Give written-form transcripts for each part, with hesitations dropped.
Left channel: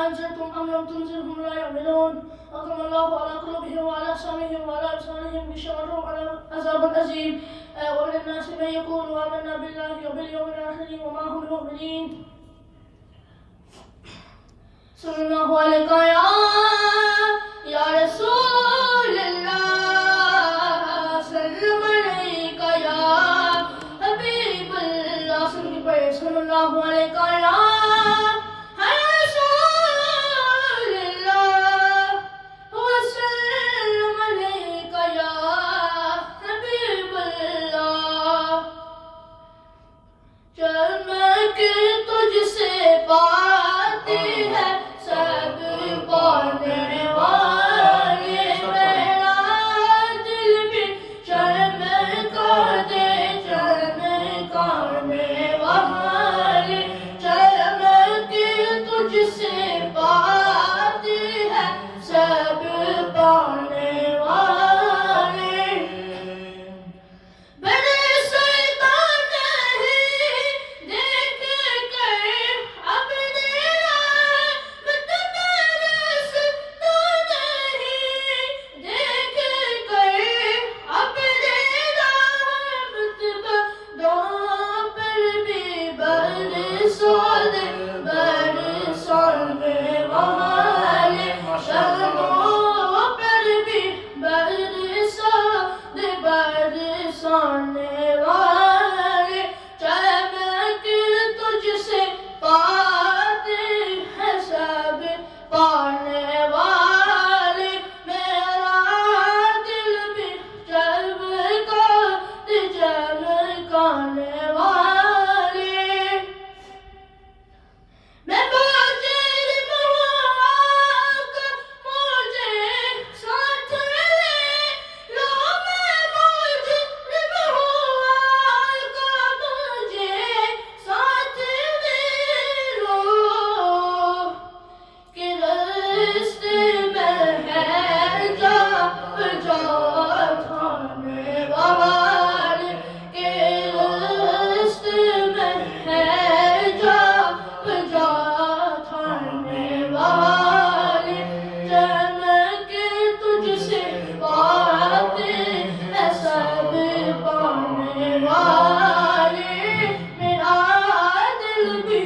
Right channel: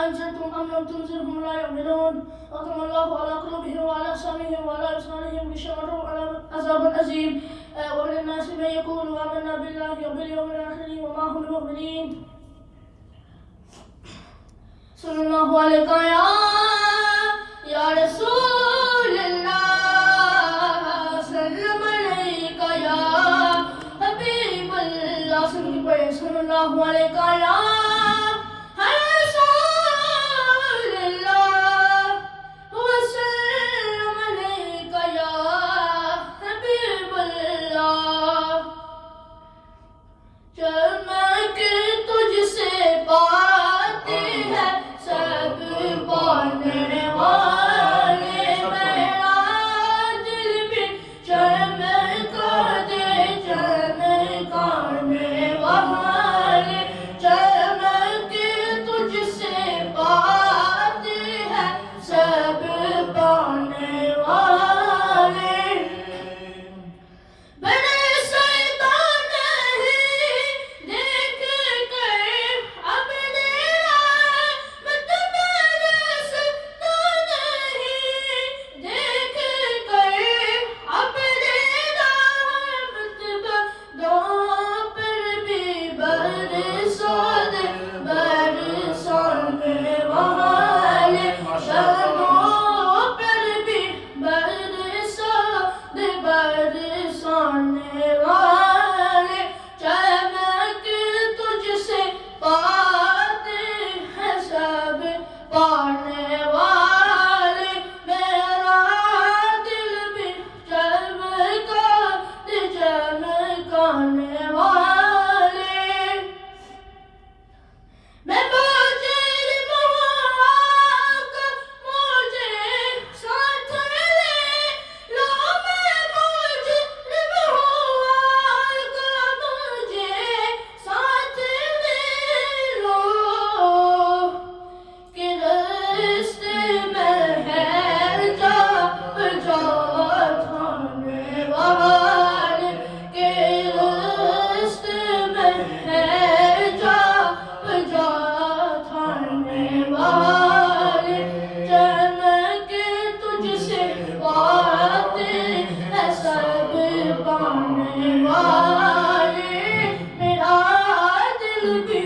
أنزلتم أم لم تنزلهم لا يؤمنون ختم الله على قلوبهم وعلى سمعهم وعلى أبصارهم غشاوة عذاب أليم وللناس من يقول آمنا بالله وباليوم الآخر وما هم بمؤمنين صلى الله عليك يا رسول الله سلم عليك يا حبيب الله صلى الله عليك يا رسول الله وسلم عليك يا حبيب الله چمک تجھ سے پاتی ہے سب پانے والے میرا دل بھی چمکا دے چمکانے والے چمک تجھ سے پاتی ہے سب پانے والے بڑے شیطان نہیں دیکھ کر اپنے رحمت برس تو نہیں دیکھ کر اپنے رحمت بندوں پر بھی برسانے والے بندوں پر بھی برسانے والے چمک تجھ سے پاتے ہیں سب پانے والے میرا دل بھی چمکانے والے میں مجرم ہوں آقا مجھے ساتھ لے لو میں مجرم ہوں آقا مجھے ساتھ لے لو کہ راستے میں ہے جا تھانے والے کہ راستے میں ہے جا تھانے والے چمک تجھ سے پاتے ہیں سب پانے والے میرا دل بھی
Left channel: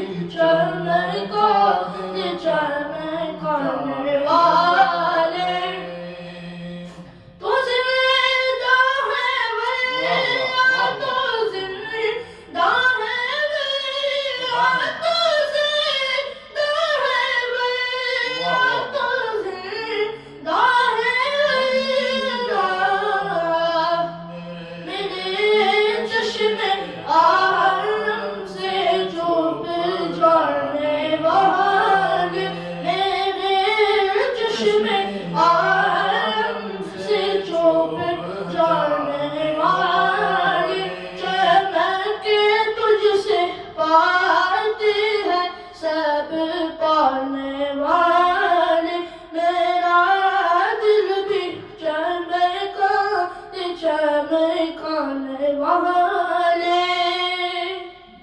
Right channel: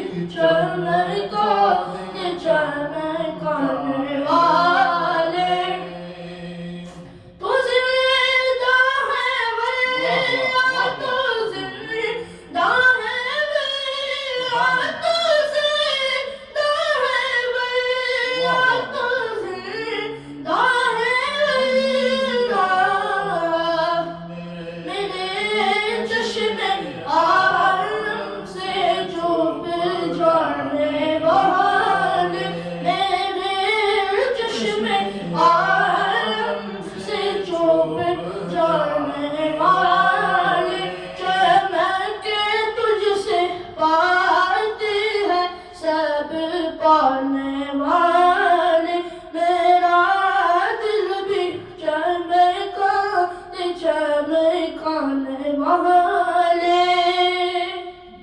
چمکانے والے تو زندہ ہے ولیہ تو زندہ ہے ولیہ تو زندہ ہے ولیہ تو زندہ ہے ولیہ میرے چشم عالم سے چھپ جانے والے میرے چشم عالم سے چھپ جانے والے چمک تجھ سے پاتے ہیں سب پانے والے میرا دل بھی چمکانے والے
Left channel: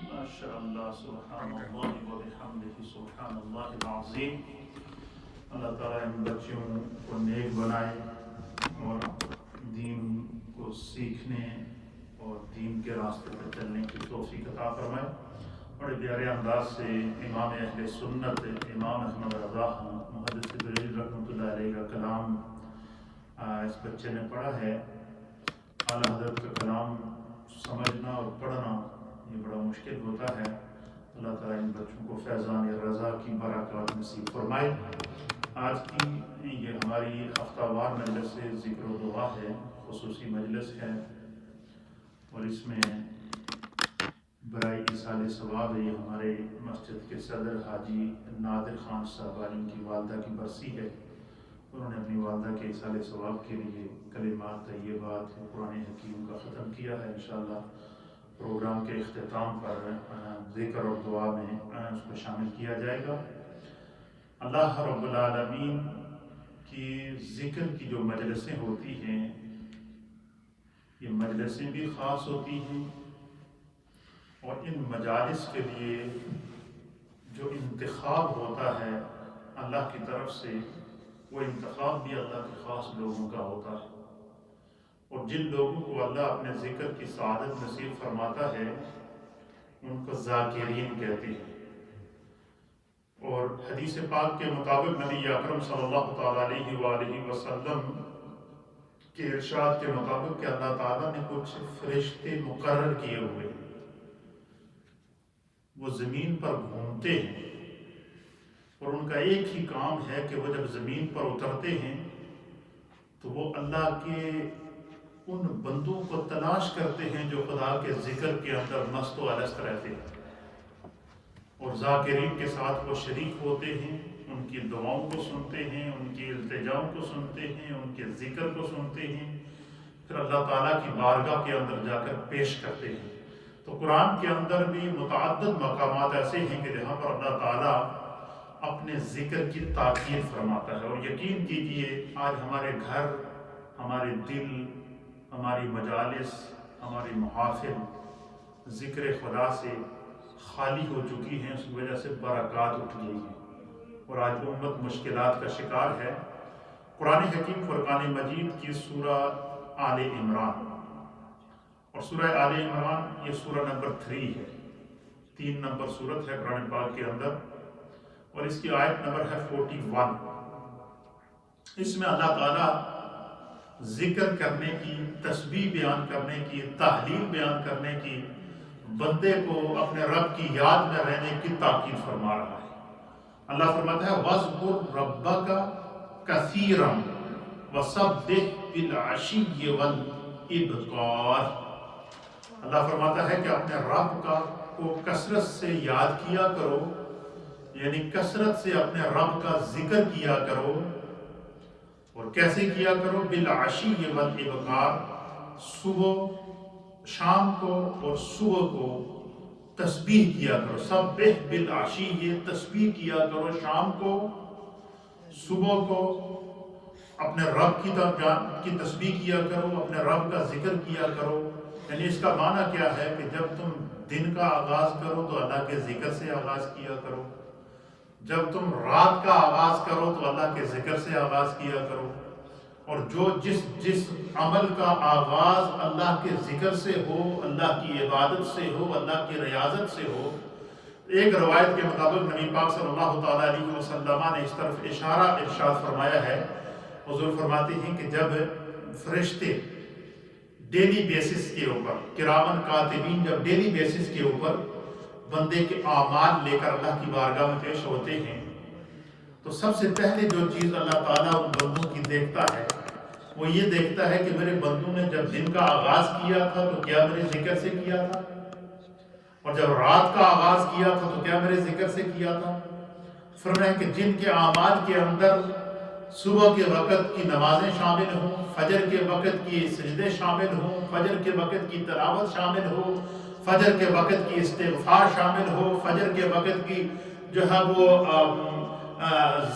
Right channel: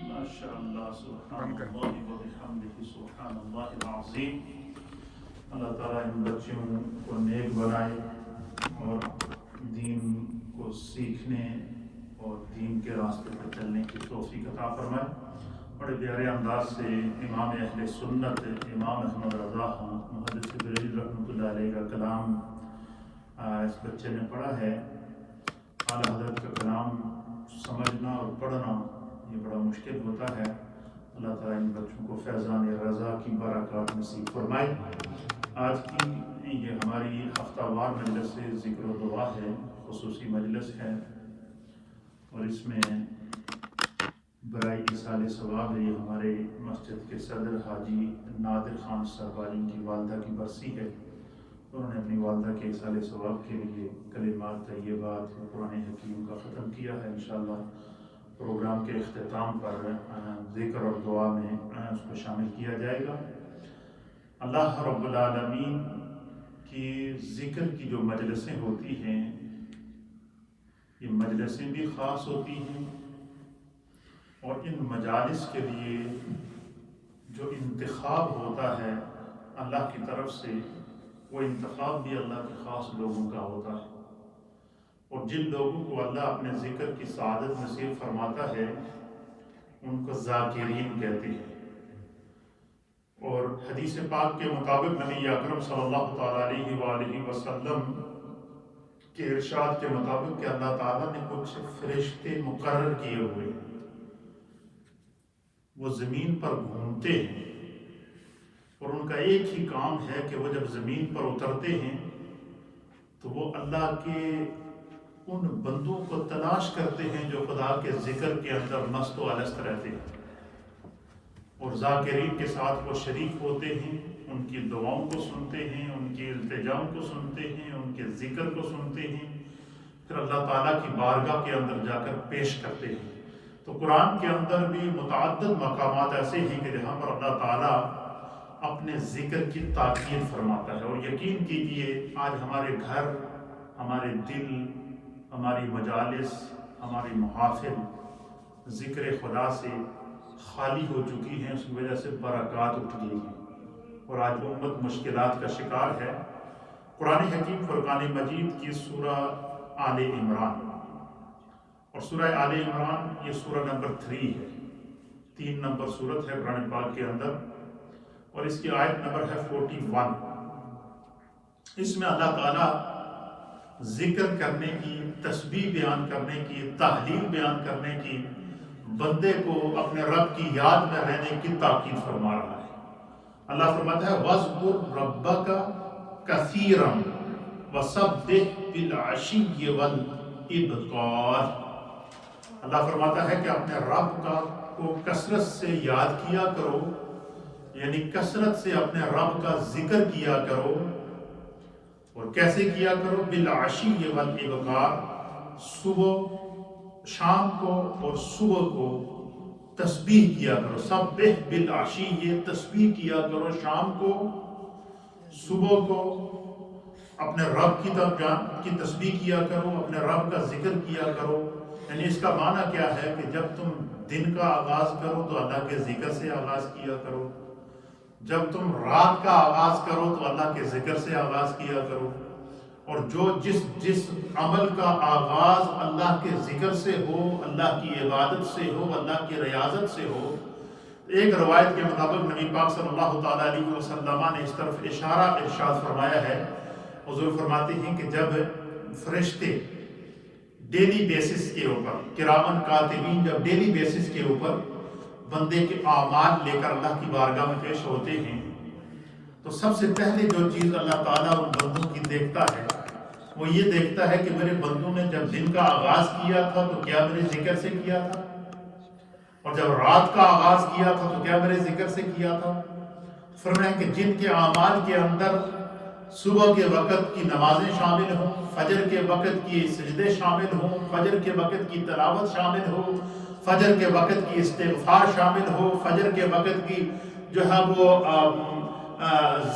ماشاءاللہ سبحان اللہ و بحمدہ سبحان اللہ العظیم اللہ تعالیٰ ان بچوں کو نیک بنائے اور دین کو سیکھنے اور دین کے راستے پر چلنے کی توفیق عطا فرمائے بڑے پیارے انداز سے امام اہل سنت امام احمد رضا محدث بریلوی رحمۃ اللہ علیہ کا کلام اس بچے نے پڑھا ہے اعلیٰ حضرت کا کلام سمجھنا اور پڑھنا یہ بڑا مشکل ہوتا ہے اللہ تعالیٰ ان بچوں کو فیضان رضا کی برکات نصیب فرمائے آج کی یہ ہماری ہفتہ وار مجلس سے ذکر و دعا ہے خصوصی مجلس ہے اور اس میں برائے ایصال ثواب ہے یہ ہمارے مسجد کے صدر حاجی نادر خان صاحب کی والدہ کی برسی ہے انہوں نے اپنی والدہ کے ایصال ثواب کے لیے کلمات طیبات قرآن حکیم کا ختم کیا ہے انشاءاللہ پروگرام کے اختتام پر ذکر اور دعا میں اس کو شامل کیا جائے گا اللہ رب العالمین کی ذکر کی جو مجلسیں ہوتی ہیں یہ مجلسیں بھی خاص ہوتی ہیں اور ان مجالس کے لیے جو انتخاب ہوتا ہے اللہ کی طرف سے وہ انتخاب بھی اللہ کے خاص لوگوں کا ہوتا ہے، اور جن لوگوں کو اللہ اپنے ذکر کی سعادت نصیب فرماتا ہے ان کو ذاکرین کہتے ہیں۔ اور حدیث پاک کے مطابق نبی اکرم صلی اللہ تعالیٰ علیہ وآلہ وسلم کے ارشاد کے مطابق کہ اللہ تعالیٰ نے کچھ فرشتے مقرر کیے ہوئے ہیں، وہ زمین پر گھومتے ہیں، اور ان کا ایک ہی کام ہے کہ وہ جب زمین پر اترتے ہیں تو وہ اللہ کے ان بندوں کو تلاش کرتے ہیں جو خدا کے ذکر کے اندر مست و الست رہتے ہیں، اور ذاکرین کے ساتھ وہ شریک ہوتے ہیں، ان کی دعاؤں کو سنتے ہیں، ان کی التجاؤں کو سنتے ہیں، ان کے ذکر کو سنتے ہیں، پھر اللہ تعالیٰ کی بارگاہ کے اندر جا کر پیش کرتے ہیں۔ تو قرآن کے اندر بھی متعدد مقامات ایسے ہیں کہ جہاں پر اللہ تعالیٰ اپنے ذکر کی تاکید فرماتا ہے، اور یقین کیجئے آج ہمارے گھر، ہمارے دل، ہماری مجالس، ہماری محافل ذکر خدا سے خالی ہو چکی ہیں، اس کی وجہ سے برکات اٹھ گئی ہیں، اور آج امت مشکلات کا شکار ہے۔ قرآن حکیم فرقان مجید کی سورہ آل عمران، اور سورہ آل عمران یہ سورہ نمبر 3 ہے، 3 نمبر سورت ہے قرآن پاک کے اندر، اور اس کی آیت نمبر ہے 41۔ اس میں اللہ تعالیٰ ذکر کرنے کی، تسبیح بیان کرنے کی، تحلیل بیان کرنے کی، بندے کو اپنے رب کی یاد میں رہنے کی تاکید فرما رہا ہے۔ اللہ فرماتا ہے وَاذْكُرْ رَبَّكَ كَثِيرًا وَسَبِّحْ بِالْعَشِيِّ وَالْإِبْكَارِ۔ اللہ فرماتا ہے کہ اپنے رب کو کثرت سے یاد کیا کرو، یعنی کثرت سے اپنے رب کا ذکر کیا کرو، اور کیسے کیا کرو؟ بالعشی والابکار، صبح شام کو اور صبح کو تسبیح کیا کرو۔ سبح بالعشی، یہ تسبیح کیا کرو شام کو، صبح کو اپنے رب کی تسبیح کیا کرو، اپنے رب کا ذکر کیا کرو۔ یعنی اس کا معنی کیا ہے کہ جب تم دن کا آغاز کرو تو اللہ کے ذکر سے آغاز کیا کرو، جب تم رات کا آغاز کرو تو اللہ کے ذکر سے آغاز کیا کرو، اور جس عمل کا آغاز اللہ کے ذکر سے ہو، اللہ کی عبادت سے ہو، اللہ کی ریاضت سے ہو۔ ایک روایت کے مطابق نبی پاک صلی اللہ تعالیٰ علیہ وسلم نے اس طرف ارشاد فرمایا ہے، حضور فرماتے ہیں کہ جب فرشتے ڈیلی بیسس کے اوپر، کرامن کاتبین جب ڈیلی بیسس کے اوپر بندے کے اعمال لے کر اللہ کی بارگاہ میں پیش ہوتے ہیں، تو سب سے پہلے جو چیز اللہ تعالیٰ ان بندوں کی دیکھتا ہے وہ یہ دیکھتا ہے کہ میرے بندوں نے جب دن کا آغاز کیا تھا تو کیا میرے ذکر سے کیا تھا، اور جب رات کا آغاز کیا تھا تو کیا میرے ذکر سے کیا تھا۔ فرمایا کہ جن کے اعمال کے اندر صبح کے وقت کی نمازیں شامل ہوں، فجر کے وقت کی سجدے شامل ہوں، فجر کے وقت کی تلاوت شامل ہو، فجر کے وقت کی استغفار شامل ہو، فجر کے وقت کی جو ہے وہ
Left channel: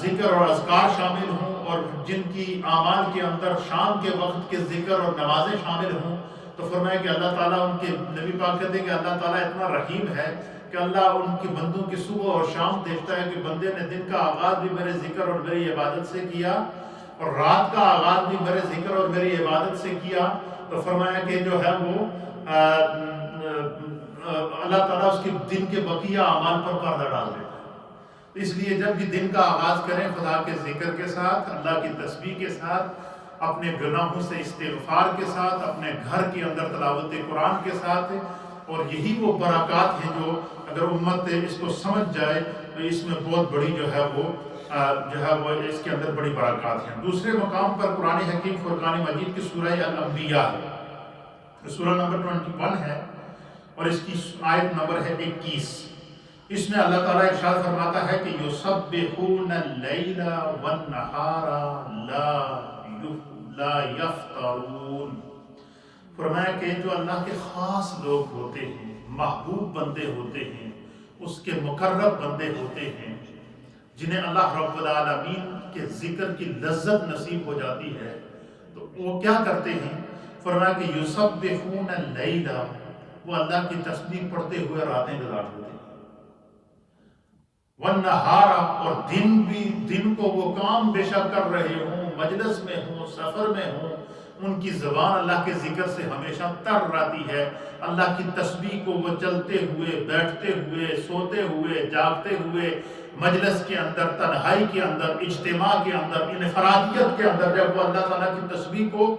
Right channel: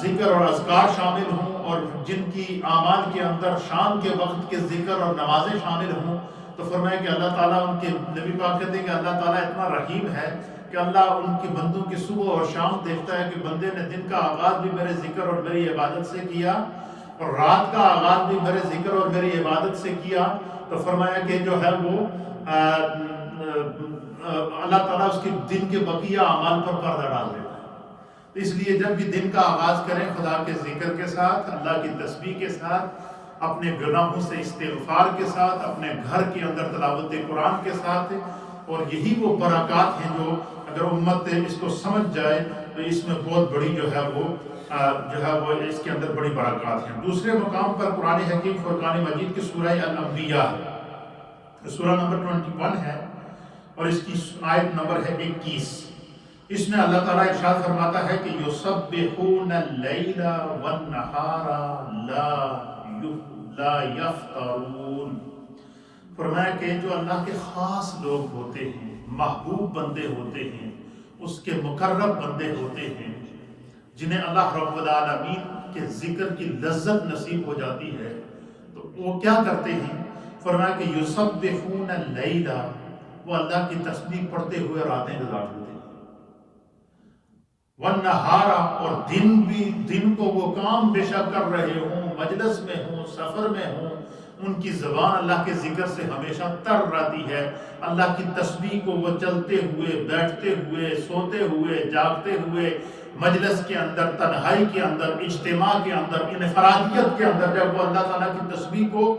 ذکر اور اذکار شامل ہوں، اور جن کی اعمال کے اندر شام کے وقت کے ذکر اور نمازیں شامل ہوں، تو فرمایا کہ اللہ تعالیٰ ان کے نبی پاک کہتے ہیں کہ اللہ تعالیٰ اتنا رحیم ہے کہ اللہ ان کے بندوں کی صبح اور شام دیکھتا ہے کہ بندے نے دن کا آغاز بھی میرے ذکر اور میری عبادت سے کیا، اور رات کا آغاز بھی میرے ذکر اور میری عبادت سے کیا، تو فرمایا کہ جو ہے وہ اللہ تعالیٰ اس کے دن کے بقیہ اعمال پر پردہ ڈال دیتا ہے۔ اس لیے جب بھی دن کا آغاز کریں خدا کے ذکر کے ساتھ، اللہ کی تسبیح کے ساتھ، اپنے گناہوں سے استغفار کے ساتھ، اپنے گھر کے اندر تلاوت قرآن کے ساتھ، اور یہی وہ برکات ہیں جو اگر امت اس کو سمجھ جائے تو اس میں بہت بڑی جو ہے وہ اس کے اندر بڑی برکات ہیں۔ دوسرے مقام پر قرآن حکیم فرقان مجید کی سورہ الانبیاء ہے، سورہ نمبر 21 ہے، اور اس کی آیت نمبر ہے 21۔ اس میں اللہ تعالیٰ ارشاد فرماتا ہے کہ یسبحون اللیل والنہار لا یفترون۔ فرمایا کہ جو اللہ کے خاص لوگ ہوتے ہیں، محبوب بندے ہوتے ہیں، اس کے مقرب بندے ہوتے ہیں، جنہیں اللہ رب العالمین کے ذکر کی لذت نصیب ہو جاتی ہے، تو وہ کیا کرتے ہیں؟ فرمایا کہ یسبحون اللیل، وہ اللہ کی تسبیح پڑھتے ہوئے راتیں گزارتے ہیں۔ والنہارا، اور دن کو وہ کام بے شک کر رہے ہوں، مجلس میں ہوں، سفر میں ہوں، ان کی زبان اللہ کے ذکر سے ہمیشہ تر رہتی ہے۔ اللہ کی تسبیح کو وہ چلتے ہوئے، بیٹھتے ہوئے، سوتے ہوئے، جاگتے ہوئے، مجلس کے اندر، تنہائی کے اندر، اجتماع کے اندر، انفرادیت کے اندر، جب وہ اللہ تعالیٰ کی تسبیح کو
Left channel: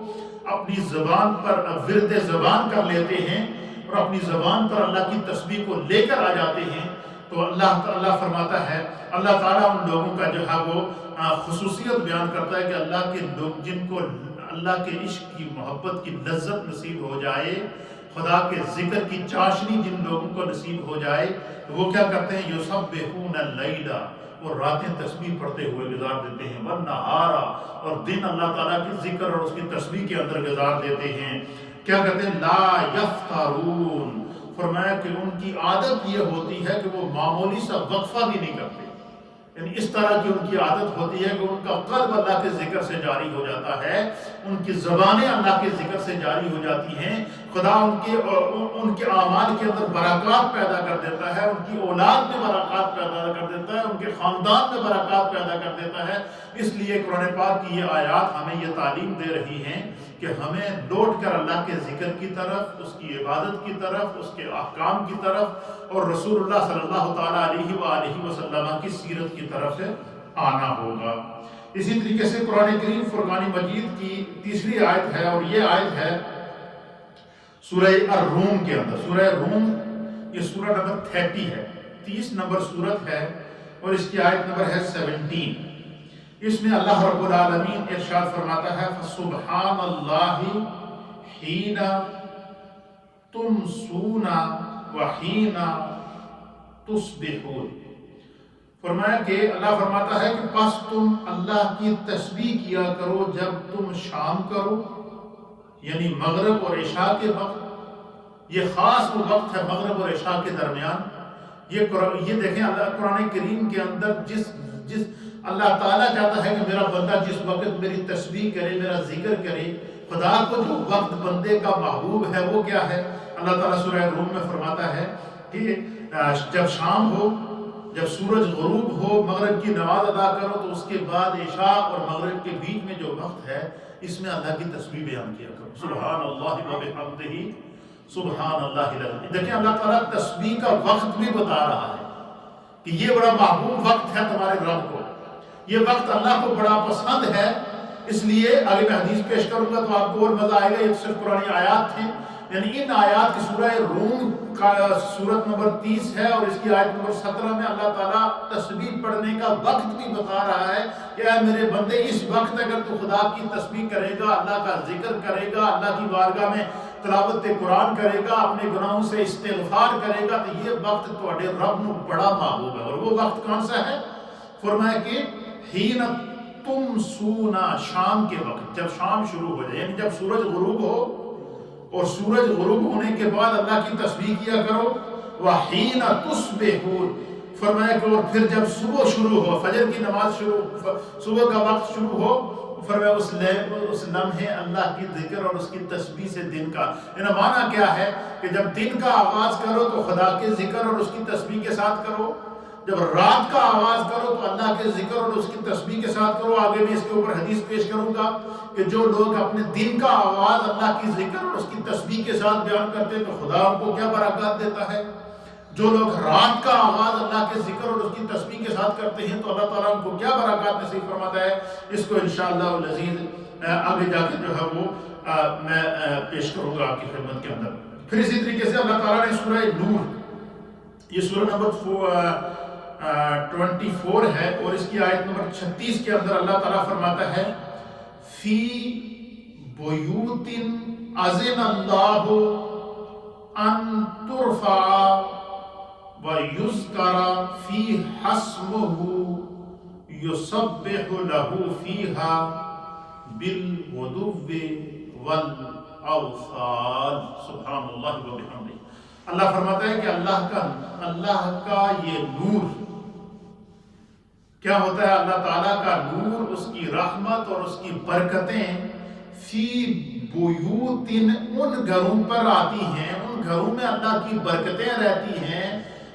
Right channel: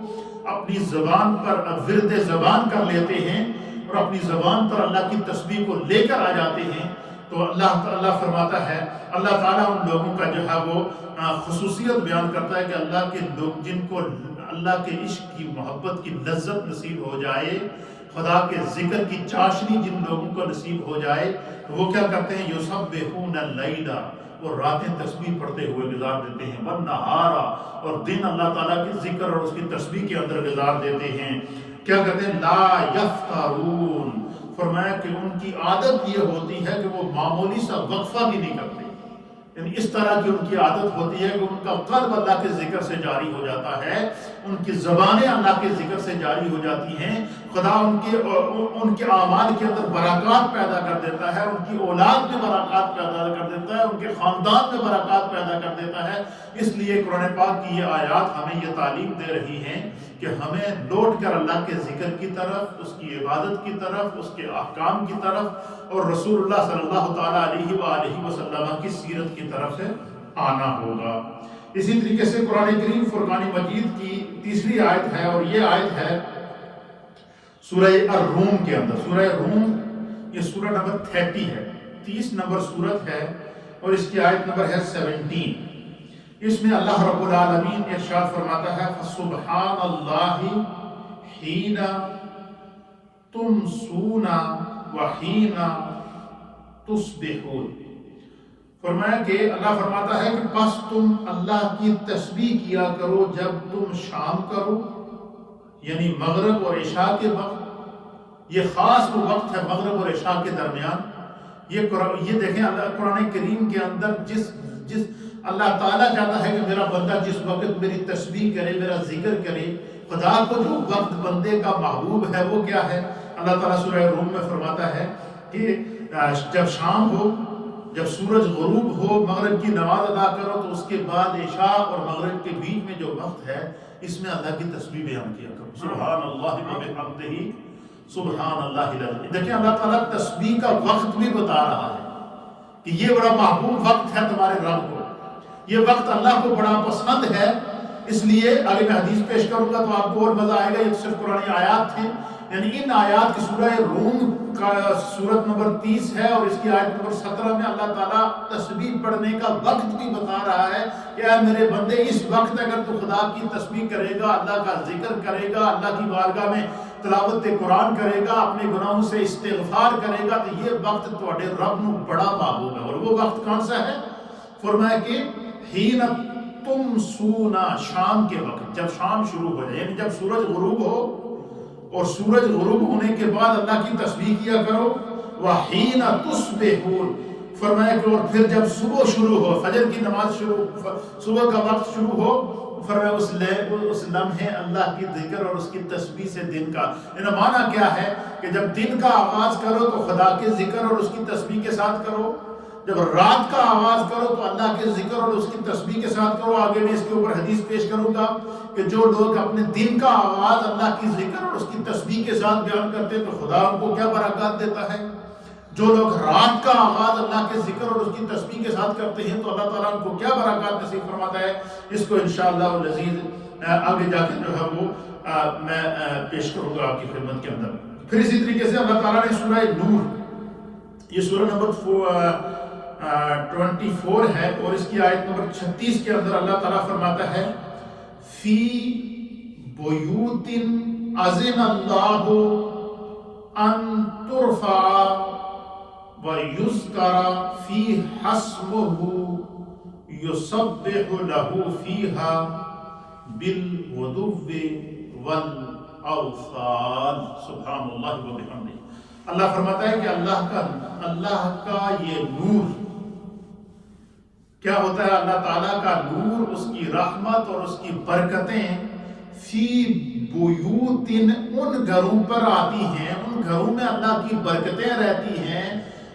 اپنی زبان پر ورد زبان کر لیتے ہیں اور اپنی زبان پر اللہ کی تسبیح کو لے کر آ جاتے ہیں، تو اللہ تعالیٰ فرماتا ہے، اللہ تعالیٰ ان لوگوں کا جو ہے وہ خصوصیت بیان کرتا ہے کہ اللہ کے لوگ جن کو اللہ کے عشق کی، محبت کی لذت نصیب ہو جائے، خدا کے ذکر کی چاشنی جن لوگوں کو نصیب ہو جائے، تو وہ کیا کرتے ہیں؟ یسبحون اللیل، اور راتیں تسبیح پڑھتے ہوئے گزار دیتے ہیں، والنہارا، اور دن اللہ تعالیٰ کے ذکر اور اس کی تسبیح کے اندر گزار دیتے ہیں۔ کیا کہتے ہیں؟ لا یفترون، فرمایا کہ ان کی عادت یہ ہوتی ہے کہ وہ معمولی سا وقفہ بھی نہیں کرتے، یعنی اس طرح کی ان کی عادت ہوتی ہے کہ ان کا قلب اللہ کے ذکر سے جاری ہو جاتا ہے، ان کی زبانیں اللہ کے ذکر سے جاری ہو جاتی ہیں، خدا ان کے اعمال کے اندر برکات پیدا کر دیتا ہے، ان کی اولاد میں برکات پیدا کر دیتا ہے، ان کے خاندان میں برکات پیدا کر دیتا ہے۔ اس لیے قرآن پاک کی یہ آیات ہمیں یہ تعلیم دے رہی ہیں کہ ہمیں لوٹ کر اللہ کے ذکر کی طرف، اس کی عبادت کی طرف، اس کے احکام کی طرف اور رسول اللہ صلی اللہ تعالیٰ علیہ وآلہ وسلم کی سیرت کی طرف سے آنا ہوگا۔ اسی طریقے سے قرآن کریم فرقان مجید کی تیسری آیت ہے، اور یہ آیت ہے سورہ الروم کے اندر۔ سورہ روم یہ سورہ نمبر 30 ہے، 30 نمبر سورت ہے، اور اس کی آیت نمبر ہے 17۔ اس میں اللہ رب العالمین ارشاد فرماتا ہے، فَسُبْحَانَ اللَّهِ حِينَ تُمْسُونَ وَحِينَ تُصْبِحُونَ۔ فرمایا کہ اللہ فرماتا ہے کہ پس تم اللہ کی تسبیح کیا کرو جب تم شام کرو، یعنی مغرب اور عشاء کے وقت۔ یہ خاص وہ وقت ہے مغرب اور عشاء کے درمیان۔ یہ دیکھیں اللہ قرآن کریم کے اندر جس اللہ تعالیٰ چاہتا ہے کہ میرا بندہ جس وقت میری تسبیح کرے، میرا ذکر کرے، خدا کو جو وقت بندے کا محبوب ہے وہ کیا ہے؟ اللہ تعالیٰ سورہ روم میں فرماتا ہے کہ جب شام ہو، جب سورج غروب ہو، مغرب کی نماز ادا کرو، تو اس کے بعد عشاء اور مغرب کے بیچ میں جو وقت ہے اس میں اللہ کی تسبیح بیان کیا کرو۔ سبحان اللہ و بحمدہ سبحان اللہ العظیم۔ دیکھیں اللہ تعالیٰ تسبیح کا وقت بھی بتا رہا ہے کہ یہ بڑا محبوب وقت ہے تمہارے رب کو، یہ وقت اللہ کو بڑا پسند ہے۔ اس لیے آگے میں حدیث پیش کروں گا تو آپ کو اور مزہ آئے گا۔ یہ صرف پرانی آیات تھیں، یعنی ان آیات کی سورہ روم کا سورت نمبر 30 ہے، اور اس کی آیت نمبر 17 میں اللہ تعالیٰ تسبیح پڑھنے کا وقت بھی بتا رہا ہے کہ اے میرے بندے، اس وقت اگر تو خدا کی تسبیح کرے گا، اللہ کا ذکر کرے گا، اللہ کی بارگاہ میں تلاوت قرآن کرے گا، اپنے گناہوں سے استغفار کرے گا، تو یہ وقت تواڈے رب نو بڑا محبوب ہے۔ اور وہ وقت کون سا ہے؟ فرمایا کہ حین تمسونا، شام کے وقت، جب شام شروع ہو جائے، یعنی جب سورج غروب ہو، اور سورج غروب ہونے کے بعد اللہ کی تسبیح کیا کرو۔ وحین تصبحون، فرمایا کہ اور پھر جب صبح شروع ہو، فجر کی نماز صبح کا وقت شروع ہو، فرمایا اس لمحے اللہ کی ذکر اور اس کی تسبیح سے دن کا، یعنی معنی کیا ہے کہ جب دن کا آغاز کرو تو خدا کے ذکر اور اس کی تسبیح کے ساتھ کرو، جب رات کا آغاز کرو تو اللہ کے ذکر اور اس کی تسبیح کے ساتھ کرو۔ آگے میں اس کے اوپر حدیث پیش کروں گا کہ جو لوگ اپنے دن کا آغاز اللہ کی ذکر اور اس کی تسبیح کے ساتھ بیان کرتے ہیں تو خدا ان کو کیا برکات دیتا ہے۔ جو لوگ رات کا آغاز اللہ کے ذکر اور اس کی تسبیح کے ساتھ کرتے ہیں تو اللہ تعالیٰ ان کو کیا برکات نصیب فرماتا ہے۔ اس کو انشاءاللہ العزیز آگے جا کے جو ہے وہ میں پیش کروں گا آپ کی خدمت کے اندر۔ پھر اسی طریقے سے اللہ تعالیٰ نے سورہ نور، یہ سورہ نمبر 24 ہے، اور اس کی آیت نمبر 36 کے اندر اللہ تعالیٰ فرماتا ہے، فی بیوت اذن اللہ ان ترفع ویذکر فیہا اسمہ یسبح لہ فیہا بالغدو والاوصال۔ سبحان اللہ و بحمدہ۔ اللہ فرماتا ہے کہ اللہ کا یہ نور کیا ہوتا ہے؟ اللہ تعالیٰ کا نور، اس کی رحمت اور اس کی برکتیں فی بیوت، ان گھروں پر آتی ہیں، ان گھروں میں اللہ کی برکتیں رہتی ہیں،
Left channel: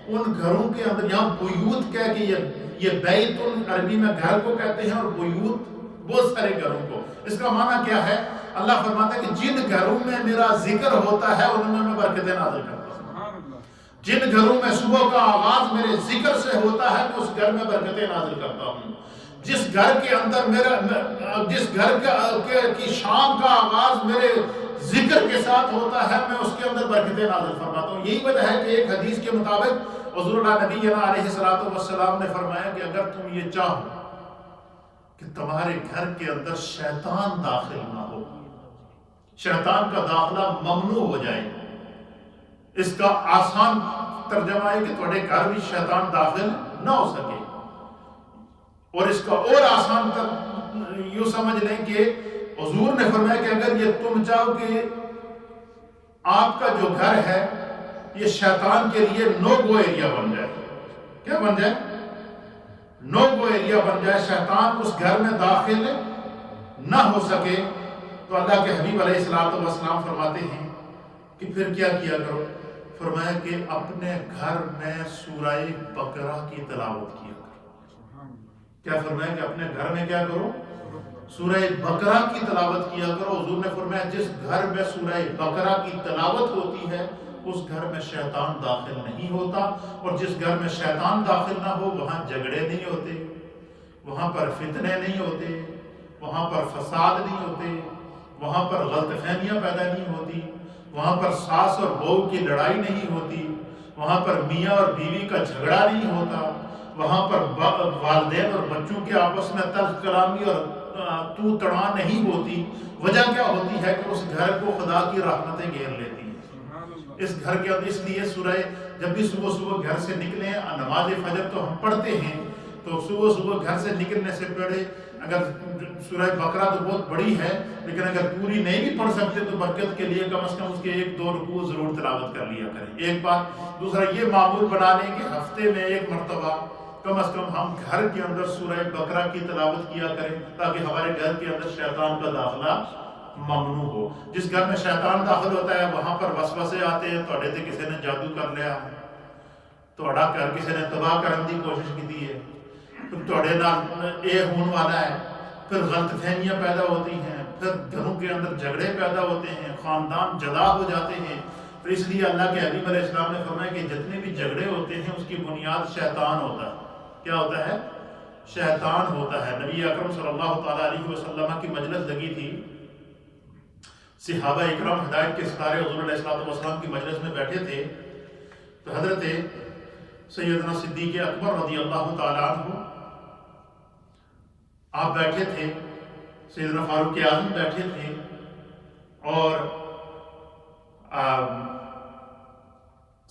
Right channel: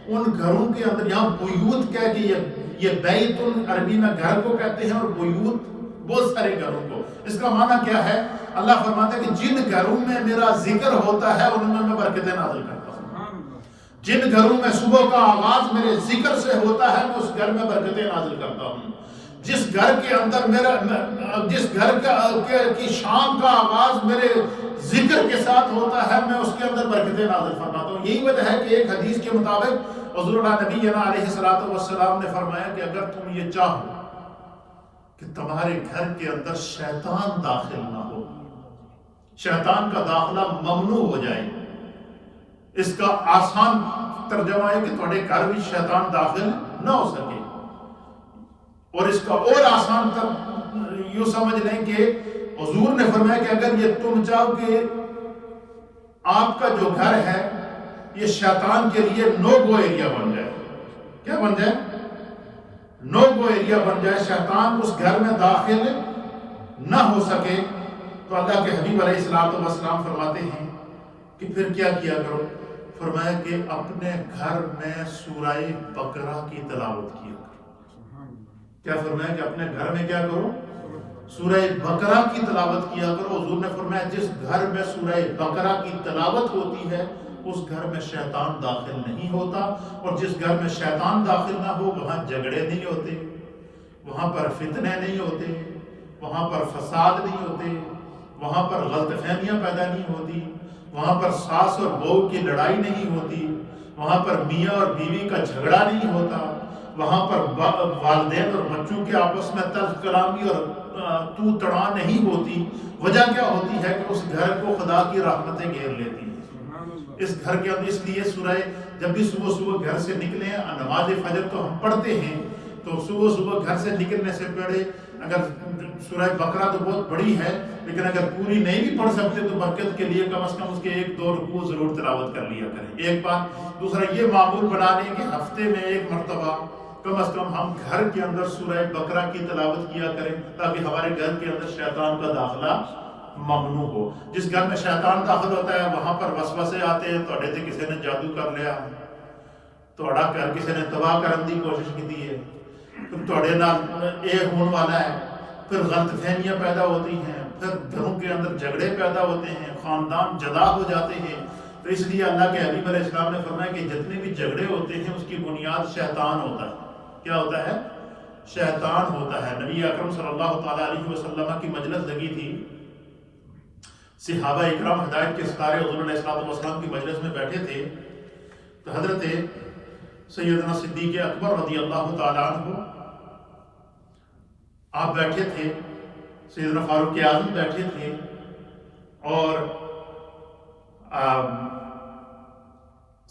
ان گھروں کے اندر، یہاں بیوت کہہ کہ یہ بیت عربی میں گھر کو کہتے ہیں، اور بیوت بہت سارے گھروں کو. اس کا معنی کیا ہے؟ اللہ فرماتا ہے کہ جن گھروں میں میرا ذکر ہوتا ہے ان میں برکتیں نازل کرتا ہوں. جن گھروں میں صبح کا آغاز میرے ذکر سے ہوتا ہے میں اس گھر میں برکتیں نازل کرتا ہوں. جس گھر کے اندر جس گھر کی شام کا آغاز میرے ذکر کے ساتھ ہوتا ہے میں اس کے اندر برکتیں نازل فرماتا ہوں. یہی وجہ ہے کہ ایک حدیث کے مطابق حضور اللہ نبی علیہ السلام نے فرمایا کہ اگر تم یہ چاہو کہ تمہارے گھر کے اندر شیطان داخل نہ ہو، شیطان کا داخلہ ممنوع ہو جائے، اس کا آسان ترجمہ ہے کہ تمہارے گھر بھی شیطان داخل نہ ہو سکے. اور اس کا اور آسان یوں سمجھ لیں کہ حضور نے فرمایا کہ اگر یہ تم چاہو کہ آپ کا جو گھر ہے یہ شیطان کے لیے نو گو ایریا بن جائے. کیا بن جائے؟ نو گو ایریا بن جائے، شیطان اس گھر میں داخل نہ ہو سکے. تو اللہ کے حبیب علیہ السلام فرماتے ہیں کہ پھر کیا کیا کرو؟ فرمایا کہ اپنے گھر میں سورہ بقرہ کی تلاوت کیا کرو. کیا فرمایا کہ اپنے گھر میں کیا کرو؟ سورہ بقرہ کی تلاوت کیا کرو. حضور نے فرمایا جس گھر میں سورہ بقرہ کی تلاوت ہوتی ہے اس گھر میں شیطان داخل نہیں ہوتا. اور جس گھر میں شیطان داخل نہ ہو وہاں جھگڑے نہیں ہوتے، وہاں پر فتنے نہیں ہوتے، وہاں پر فساد نہیں ہوتے، وہاں پر غلط فہمیاں پیدا نہیں ہوتی، وہاں پر ساس اور بہو کی لڑائی نہیں ہوتی، وہاں پر میاں اور بیوی کا جھگڑا نہیں ہوتا، وہاں پر والدین اور بچوں کے آپس میں تلخ کلامی اور تو تڑاں نہیں ہوتی. وجہ کیا ہوتی ہے کہ اس گھر کو خدا کی رحمتیں گھیر لیتی ہیں. اس گھر کے اندر اس لیے سورہ جب بھی صبح گھر سے نکلیں، نماز فجر تو ہم پڑھتے ہیں، تو صبح گھر سے نکلنے سے پہلے اگر سورہ بقرہ تو بہت بڑی ہے لیکن اگر پوری نہیں بھی پڑھ سکتے تو برکت کے لیے کم از کم اس کے 1-2 رکوع ضرور تلاوت کر لیا کریں. ایک بات. دوسرا یہ معمول بنا لیں کہ ہفتے میں 1 مرتبہ کم از کم ہم گھر کے اندر سورہ بقرہ کی تلاوت کیا کریں تاکہ ہمارے گھر کے اندر شیطان کا داخلہ ممنوع ہو. جس گھر میں شیطان داخل ہوتا ہے وہاں پر وسوسے آتے ہیں، تھوڑے تے کسی نے جادو کر لیا ہے، تھوڑا گھر کسی نے تباہ کرنے کی کوشش کی ہے، پھر تھوڑے نال ایک ہونے والا ہے، پھر غلط فہمیاں پیدا ہوتی ہیں، پھر گھروں کے اندر جھگڑے پیدا ہوتے ہیں، خاندان جدا ہو جاتے ہیں. تو اس لیے اللہ کے حبیب علیہ السلام نے فرمایا کہ جتنے بھی جھگڑے ہوتے ہیں اس کی بنیاد شیطان ہوتا ہے. کیا ہوتا ہے؟ شیطان ہوتا ہے. نبی اکرم صلی اللہ تعالیٰ علیہ وسلم کی مجلس لگی تھی، صحابہ اکرام ہدایت کے ستارے حضور علیہ السلام کی مجلس میں بیٹھے تھے. تو حضرت سیدنا صدیق اکبر رضی اللہ تعالیٰ عنہ آپ بیٹھے تھے، سیدنا فاروق اعظم بیٹھے تھے، اور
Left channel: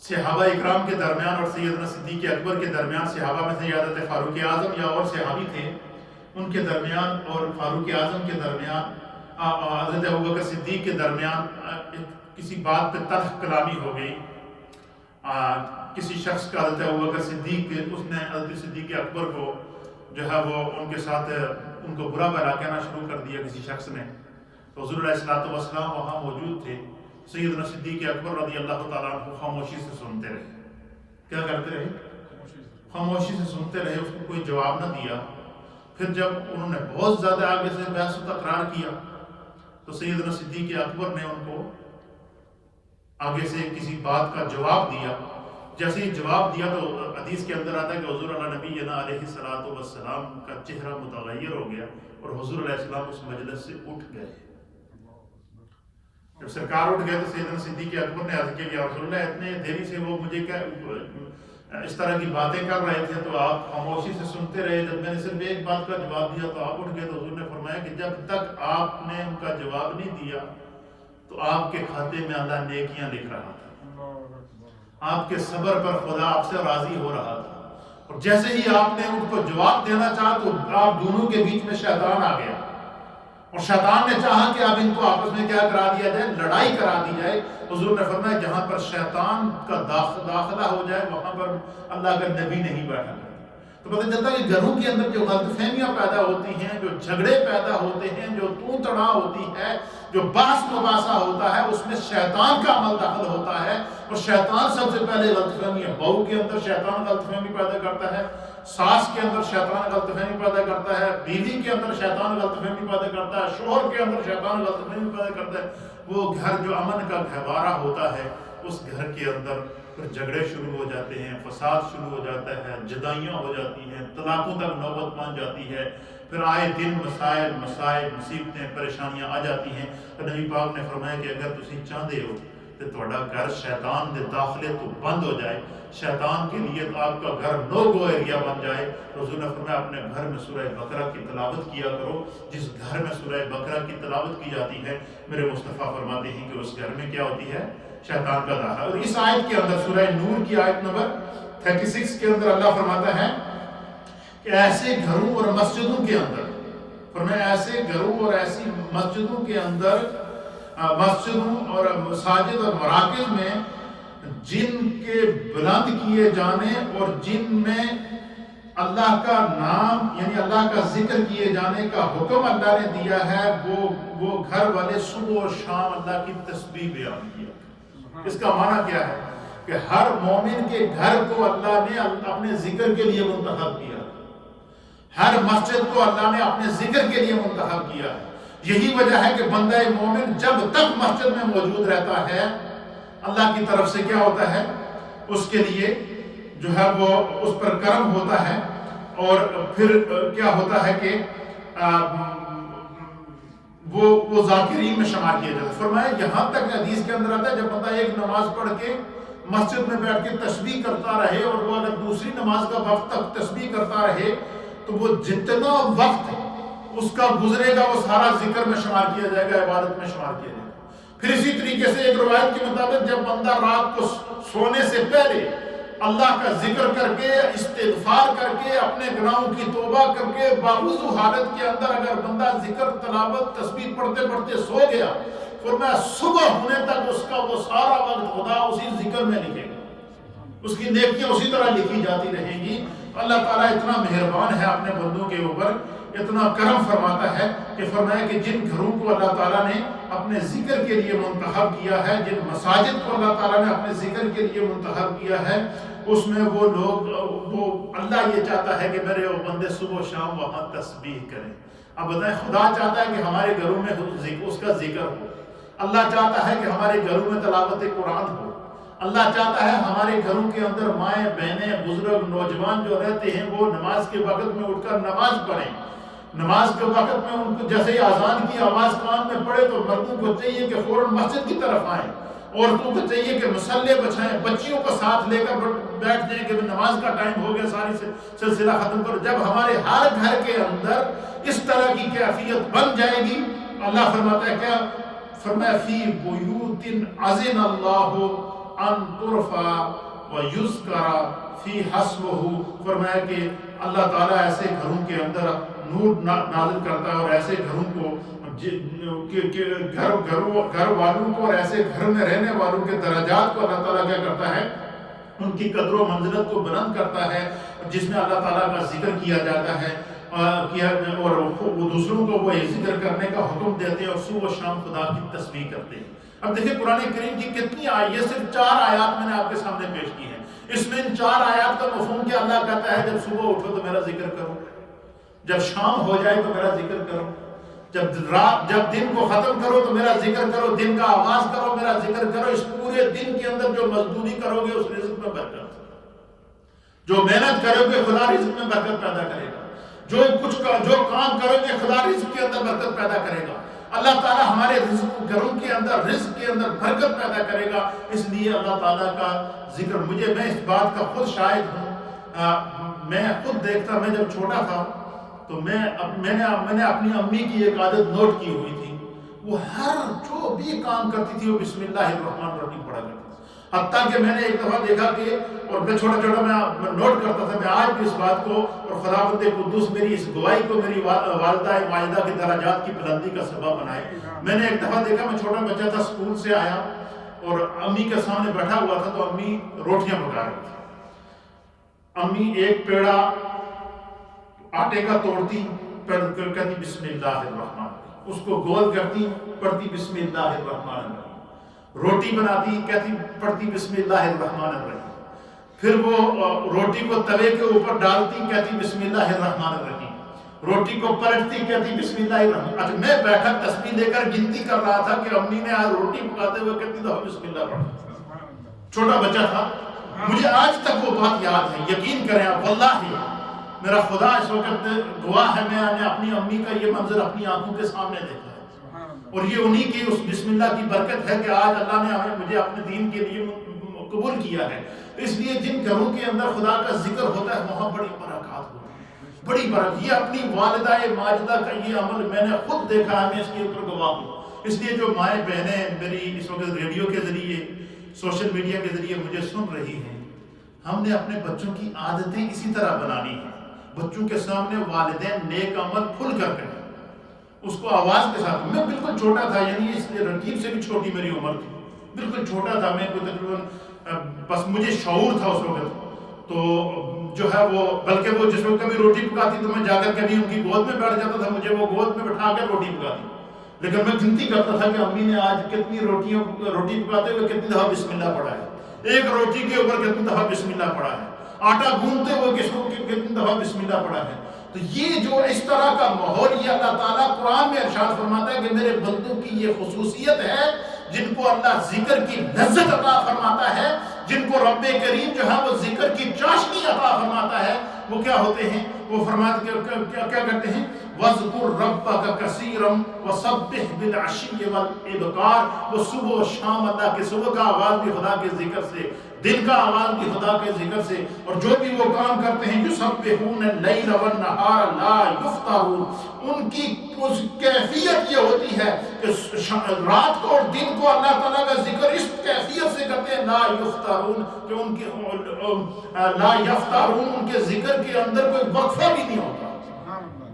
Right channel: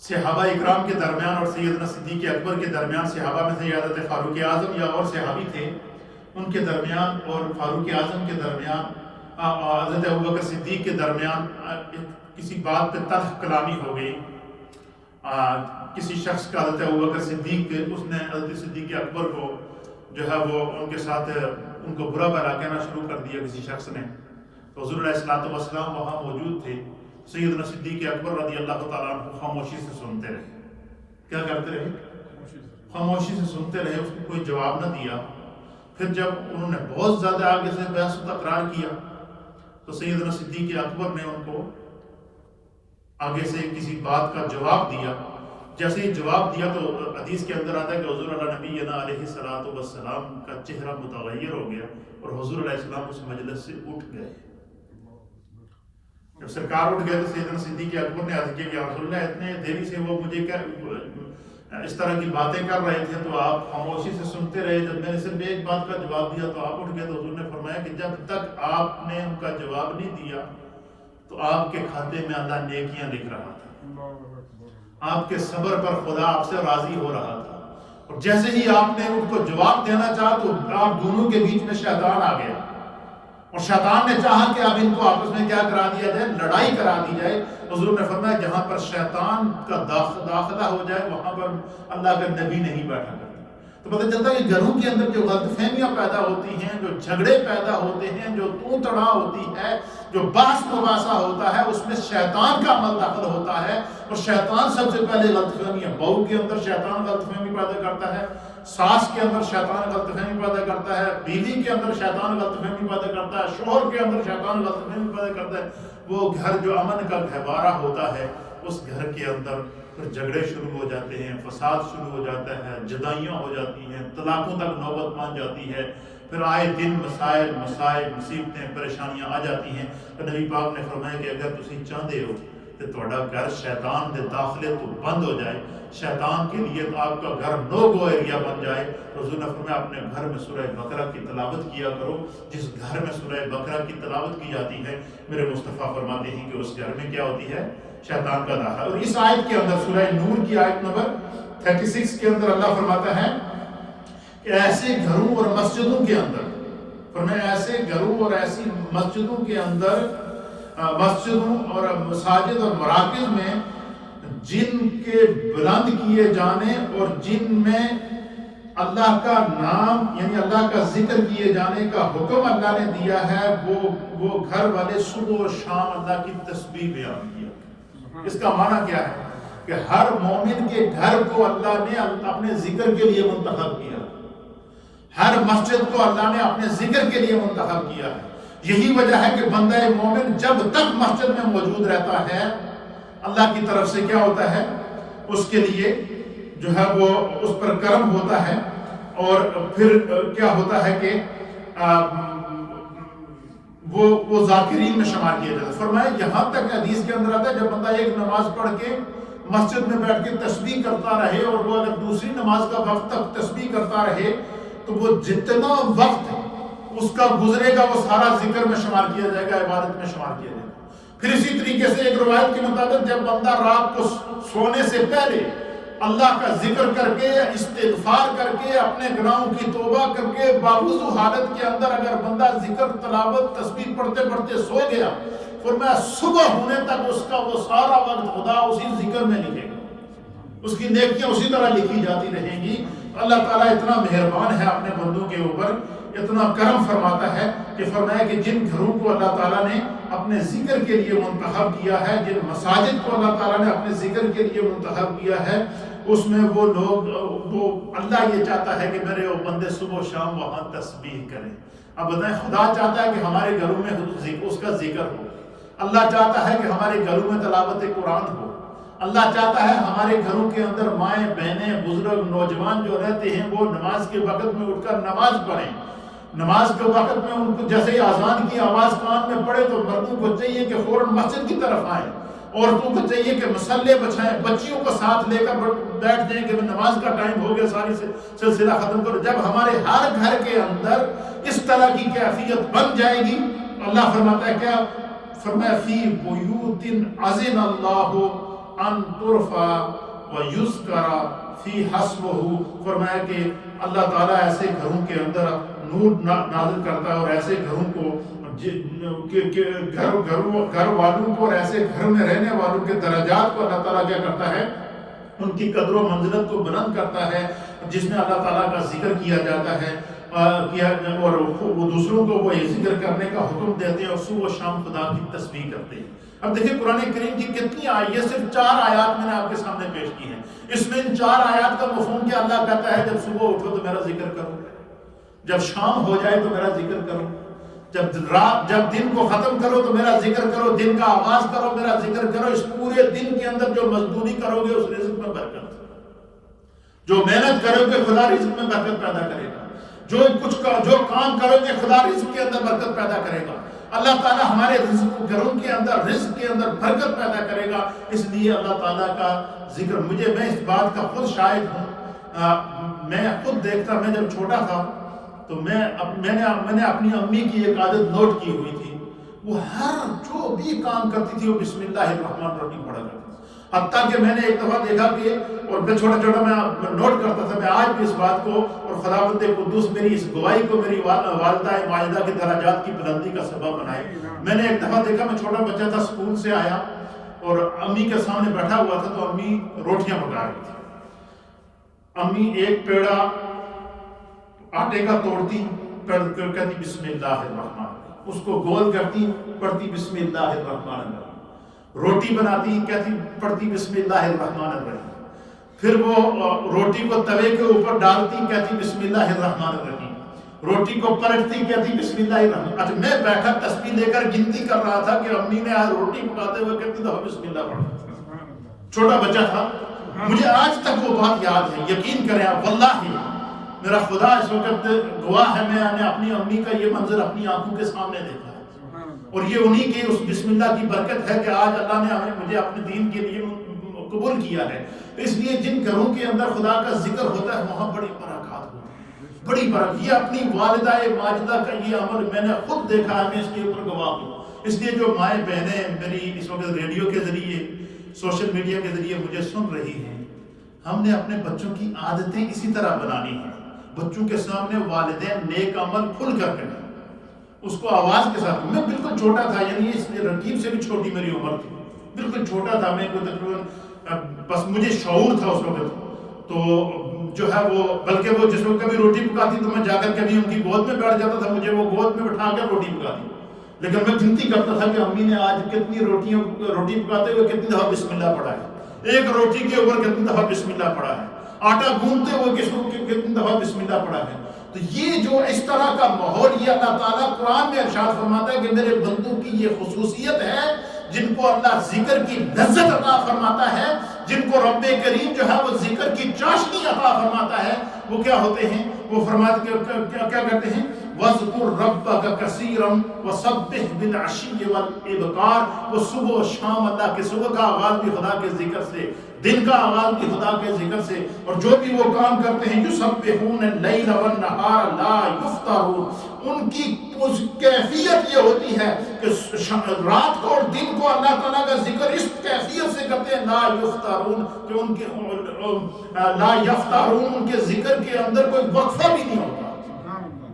صحابہ اکرام کے درمیان اور سیدنا صدیق اکبر کے درمیان، صحابہ میں سے حضرت فاروق اعظم یا اور صحابی تھے، ان کے درمیان اور فاروق اعظم کے درمیان، حضرت ابوبکر صدیق کے درمیان کسی بات پہ تلخ کلامی ہو گئی. کسی شخص کا حضرت ابوبکر صدیق، اس نے حضرت صدیق اکبر کو جو ہے وہ ان کے ساتھ ان کو برا بھلا کہنا شروع کر دیا کسی شخص نے. تو حضور علیہ السلام وہاں موجود تھے. سیدنا صدیق اکبر رضی اللہ تعالیٰ عنہ خاموشی سے سنتے رہے. کیا کرتے رہے؟ خاموشی سے سنتے رہے، اس کو کوئی جواب نہ دیا. پھر جب انہوں نے بہت زیادہ آگے سے بحث و تکرار کیا تو سیدنا صدیق اکبر نے ان کو آگے سے کسی بات کا جواب دیا. جیسے ہی جواب دیا تو حدیث کے اندر آتا ہے کہ حضور اللہ نبی علیہ السلام کا چہرہ متغیر ہو گیا اور حضور علیہ السلام اس مجلس سے اٹھ گئے. جب سرکار اٹھ گئے تو سیدنا صدیق اکبر نے عرض کیا کہ رسول اللہ اتنے دیری سے وہ مجھے اس طرح کی باتیں کر رہے تھے تو آپ خاموشی سے سنتے رہے. جب میں نے صرف ایک بات کا جواب دیا تو آپ اٹھ گئے. تو حضور نے فرمایا کہ جب تک آپ نے ان کا جواب نہیں دیا تو آپ کے کھاتے میں اللہ نیکیاں لکھ رہا تھا. آپ کے صبر پر خدا آپ سے راضی ہو رہا تھا. اور جیسے ہی آپ نے ان کو جواب دینا چاہا تو آپ دونوں کے بیچ میں شیطان آ گیا اور شیطان نے چاہا کہ اب ان کو آپس میں کیا کرا دیا جائے؟ لڑائی کرا دی جائے. حضور نے فرمایا جہاں پر شیطان کا داخلہ ہو جائے وہاں پر اللہ کا نبی نہیں بیٹھا کرتا. تو پتہ چلتا ہے کہ گھروں کے اندر جو غلط فہمیاں پیدا ہوتی ہیں، جو جھگڑے پیدا ہوتے ہیں، جو تو تڑا ہوتی ہے، جو باس مباحثہ ہوتا ہے، اس میں شیطان کا عمل داخل ہوتا ہے. اور شیطان سب سے پہلے غلط فہمی، بہو کے اندر شیطان غلط فہمی پیدا کرتا ہے، ساس کے اندر شیطان غلط فہمی پیدا کرتا ہے، بیوی کے اندر شیطان غلط فہمی پیدا کرتا ہے، شوہر کے اندر شیطان غلط فہمی پیدا کرتا ہے. وہ گھر جو امن کا گہوارہ ہوتا ہے، اس گھر کے اندر پھر جھگڑے شروع ہو جاتے ہیں، فساد شروع ہو جاتا ہے، جدائیاں ہو جاتی ہیں، طلاقوں تک نوبت پہنچ جاتی ہے. پھر آئے دن مسائل، مصیبتیں، پریشانیاں آ جاتی ہیں. تو نبی پاک نے فرمایا کہ اگر تسی چاہتے ہو کہ تہاڈا گھر شیطان دے داخلے تو بند ہو جائے، شیطان کے لیے تو آپ کا گھر نو گو ایریا بن جائے، تو حضور نے فرمایا اپنے گھر میں سورہ بقرہ کی تلاوت کیا کرو. جس گھر میں سورہ بقرہ کی تلاوت کی جاتی ہے، میرے مصطفیٰ فرماتے ہیں کہ اس گھر میں کیا ہوتی ہے؟ شیطان کا داخلہ. اور اس آیت کے اندر سورہ نور کی آیت نمبر 36 کے اندر اللہ فرماتا ہے کہ ایسے گھروں اور مسجدوں کے اندر، فرمایا ایسے گھروں اور ایسی مسجدوں کے اندر، مسجدوں اور مساجد اور مراکز میں جن کے بلند کیے جانے اور جن میں اللہ کا نام یعنی اللہ کا ذکر کیے جانے کا حکم اللہ نے دیا ہے، وہ گھر والے صبح و شام اللہ کی تسبیح بیان کیا. اس کا معنی کیا ہے کہ ہر مومن کے گھر کو اللہ نے اپنے ذکر کے لیے منتخب کیا، ہر مسجد کو اللہ نے اپنے ذکر کے لیے منتخب کیا ہے. یہی وجہ ہے کہ بندہ مومن جب تک مسجد میں موجود رہتا ہے، اللہ کی طرف سے کیا ہوتا ہے؟ اس کے لیے جو ہے وہ اس پر کرم ہوتا ہے. اور پھر کیا ہوتا ہے کہ وہ ذاکرین میں شمار کیا جاتا ہے. فرمایا یہاں تک حدیث کے اندر آتا ہے جب بندہ ایک نماز پڑھ کے مسجد میں بیٹھ کے تسبیح کرتا رہے اور وہ اگر دوسری نماز کا وقت تک تسبیح کرتا رہے تو وہ جتنا وقت اس کا گزرے گا وہ سارا ذکر میں شمار کیا جائے گا، عبادت میں شمار کیا جائے گا. پھر اسی طریقے سے ایک روایت کے مطابق جب بندہ رات کو سونے سے پہلے اللہ کا ذکر کر کے، استغفار کر کے، اپنے گناہوں کی توبہ کر کے، باوضو حالت کے اندر اگر بندہ ذکر، تلاوت، تسبیح پڑھتے پڑھتے سو گیا، فرمایا صبح ہونے تک اس کا وہ سارا وقت خدا اسی ذکر میں لکھے گا، اس کی نیکیاں اسی طرح لکھی جاتی رہیں گی. اللہ تعالیٰ اتنا مہربان ہے اپنے بندوں کے اوپر، اتنا کرم فرماتا ہے کہ فرمایا کہ جن گھروں کو اللہ تعالیٰ نے اپنے ذکر کے لیے منتخب کیا ہے، جن مساجد کو اللہ تعالیٰ نے اپنے ذکر کے لیے منتخب کیا ہے، اس میں وہ لوگ، وہ اللہ یہ چاہتا ہے کہ میرے وہ بندے صبح و شام وہاں تسبیح کریں. اب بتائیں، خدا چاہتا ہے کہ ہمارے گھروں میں اس کا ذکر ہو، اللہ چاہتا ہے کہ ہمارے گھروں میں تلاوت قرآن ہو، اللہ چاہتا ہے ہمارے گھروں کے اندر مائیں، بہنیں، بزرگ، نوجوان جو رہتے ہیں وہ نماز کے وقت میں اٹھ کر نماز پڑھیں. نماز کے وقت میں ان کو جیسے ہی اذان کی آواز کان میں پڑے تو مردوں کو چاہیے کہ فوراً مسجد کی طرف آئیں، عورتوں کو چاہیے کہ مصلے بچھائیں، بچیوں کو ساتھ لے کر بیٹھ جائیں کہ نماز کا ٹائم ہو گیا، ساری سلسلہ ختم کرو. جب ہمارے ہر گھر کے اندر اس طرح کی کیفیت بن جائے گی، اللہ فرماتا ہے کیا؟ فرمایا فی بیوت اذن اللہ ان ترفع ویذکر فی حسبہ. فرمایا کہ اللہ تعالیٰ ایسے گھروں کے اندر نور نازل کرتا ہے اور ایسے گھروں کو، گھر والوں کو اور ایسے گھر میں رہنے والوں کے درجات کو اللہ تعالیٰ کیا کرتا ہے؟ ان کی قدر و منزلت کو بلند کرتا ہے، جس میں اللہ تعالیٰ کا ذکر کیا جاتا ہے اور وہ دوسروں کو وہ ذکر کرنے کا حکم دیتے ہیں اور صبح و شام خدا کی تسبیح کرتے ہیں. اب دیکھیں قرآن کریم کی کتنی آیات، یہ صرف 4 آیات میں نے آپ کے سامنے پیش کی ہیں. اس میں ان 4 آیات کا مفہوم کیا؟ اللہ کہتا ہے جب صبح اٹھو تو میرا ذکر کرو، جب شام ہو جائے تو میرا ذکر کرو، جب دن کو ختم کرو تو میرا ذکر کرو، دن کا آغاز کرو میرا ذکر کرو. اس پورے دن کے اندر جو مزدوری کرو گے اس رزق میں برکت، جو محنت کرو گے خدا رزق میں برکت پیدا کرے گا، جو کام کرو گے خدا رزق کے اندر برکت پیدا کرے گا. اللہ تعالیٰ ہمارے گھروں کے اندر، رزق کے اندر برکت پیدا کرے گا. اس لیے اللہ تعالیٰ کا ذکر، میں اس بات کا خود شاہد ہوں. میں خود دیکھتا، میں جب چھوٹا تھا تو میں نے اپنی امی کی ایک عادت نوٹ کی ہوئی تھی، وہ ہر جو بھی کام کرتی تھی وہ بسم اللہ الرحمن الرحیم پڑھا کرتی تھی. حتیٰ کہ میں نے ایک دفعہ دیکھا کہ، اور میں چھوٹا میں نوٹ کرتا تھا، میں آج بھی اس بات کو، اور خداوند قدوس میری اس گواہی کو میری والدہ ماجدہ کے درجات کی بلندی کا سبب بنائے. میں نے ایک دفعہ دیکھا، میں چھوٹا بچہ تھا، اسکول سے آیا اور امی کے سامنے بیٹھا ہوا تھا تو امی روٹیاں پکا رہی تھی. امی ایک پیڑا آٹے کا توڑتی کہتی بسم اللہ الرحمن الرحیم، اس کو گول کرتی پڑھتی بسم اللہ الرحمن الرحیم، روٹی بناتی کہتی پڑھتی بسم اللہ الرحمن الرحیم، پھر وہ روٹی کو توے کے اوپر ڈالتی کہتی بسم اللہ الرحمن الرحیم، روٹی کو پلٹتی کہتی بسم اللہ الرحمن۔ اچھا میں بیٹھا تسبیح لے کر گنتی کر رہا تھا کہ امی نے آج روٹی پکاتے ہوئے کتنی دفعہ بسم اللہ پڑھا، چھوٹا بچہ تھا، مجھے آج تک وہ بات یاد ہے۔ یقین کریں آپ، واللہ میرا خدا اس وقت گواہ ہے، میں نے اپنی امی کا یہ منظر اپنی آنکھوں کے سامنے دیکھا ہے، اور یہ انہی کی اس بسم اللہ کی برکت ہے کہ آج اللہ نے مجھے اپنے دین کے لیے قبول کیا ہے۔ اس لیے جن گھروں کے اندر خدا کا ذکر ہوتا ہے وہاں بڑی برکات ہوتی ہے، بڑی برکت۔ یہ اپنی والدہ ماجدہ کا یہ عمل میں نے خود دیکھا ہے، میں اس کے اوپر گواہ ہوں۔ اس لیے جو مائیں بہنیں میری اس وقت ریڈیو کے ذریعے سوشل میڈیا کے ذریعے مجھے سن رہی ہیں، ہم نے اپنے بچوں کی عادتیں اسی طرح بنانی ہیں۔ بچوں کے سامنے والدین نیک عمل کھل کر کریں، اس کو آواز کے ساتھ۔ میں بالکل چھوٹا تھا، یعنی اس رقیب سے بھی چھوٹی میری عمر تھی، بالکل چھوٹا تھا میں، کوئی تقریباً بس مجھے شعور تھا اس وقت، تو جو ہے وہ بلکہ وہ جس وقت کبھی روٹی پکاتی تو میں جا کر کبھی ان کی گود میں بیٹھ جاتا تھا، مجھے وہ گود میں بٹھا کر روٹی پکاتی، لیکن میں گنتی کرتا تھا کہ امی نے آج کتنی روٹی پکاتے ہوئے کتنی دفعہ بسم اللہ پڑھا ہے، ایک روٹی کے اوپر کتنی دفعہ بسم اللہ پڑھا ہے، آٹا گوندتے ہوئے کتنی دفعہ بسم اللہ پڑھا ہے۔ تو یہ جو اس طرح کا ماحول، یہ اللہ تعالیٰ قرآن میں ارشاد فرماتا ہے کہ میرے بندوں کی یہ خصوصیت ہے جن کو اللہ ذکر کی لذت عطا فرماتا ہے، جن کو رب کریم جو ہے وہ ذکر کی چاشنی عطا فرماتا ہے، وہ کیا ہوتے ہیں؟ وہ فرماتے کیا کرتے ہیں؟ وَاذْكُرْ رَبَّكَ كَثِيرًا وَسَبِّحْ بِالْعَشِيِّ وَالْإِبْكَارِ۔ وہ صبح و شام اللہ کے، صبح کا آغاز بھی خدا کے ذکر سے، دن کا آغاز بھی خدا کے ذکر سے، اور جو بھی وہ کام کرتے ہیں یُسَبِّحُونَ اللَّيْلَ وَالنَّهَارَ لَا يُفْتَرُونَ، ان کی کیفیت یہ ہوتی ہے کہ رات کو اور دن کو اللہ تعالیٰ کا ذکر اس کیفیت سے کرتے ہیں، لا یفترون، کہ ان کے لا یفترون، ان کے ذکر کے اندر کوئی وقفہ بھی نہیں ہوتا۔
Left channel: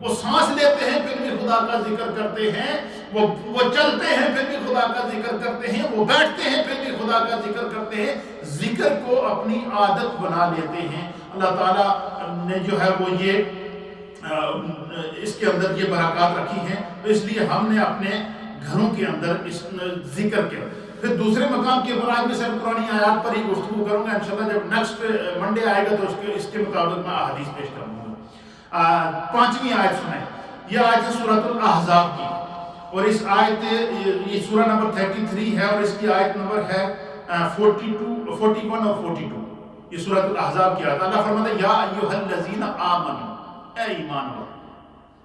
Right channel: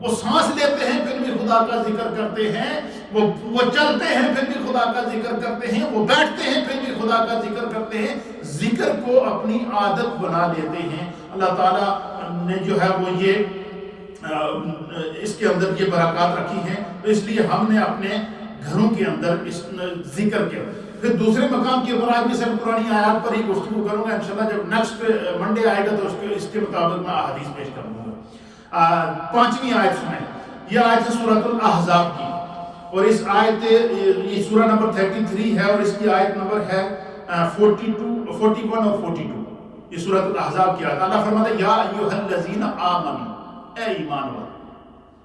وہ سانس لیتے ہیں پھر بھی خدا کا ذکر کرتے ہیں، وہ چلتے ہیں پھر بھی خدا کا ذکر کرتے ہیں، وہ بیٹھتے ہیں پھر بھی خدا کا ذکر کرتے ہیں، ذکر کو اپنی عادت بنا لیتے ہیں۔ اللہ تعالیٰ نے جو ہے وہ یہ اس کے اندر یہ برکات رکھی ہیں، تو اس لیے ہم نے اپنے گھروں کے اندر اس ذکر کے پھر دوسرے مقام کے اوپر آج میں صرف قرآن آیات پر ہی گفتگو کروں گا، انشاءاللہ جب نیکسٹ منڈے آئے گا تو اس کے مطابق میں احادیث پیش کروں گا۔ 5ویں آیت سنیں، یہ آیت ہے سورۃ الاحزاب کی، اور اس آیت یہ سورہ نمبر 33 ہے، اور اس کی آیت نمبر ہے 41 اور 42۔ یہ سورۃ الاحزاب کی آیت، اللہ فرماتا ہے یا ایھا الذین آمنوا، اے ایمان والو۔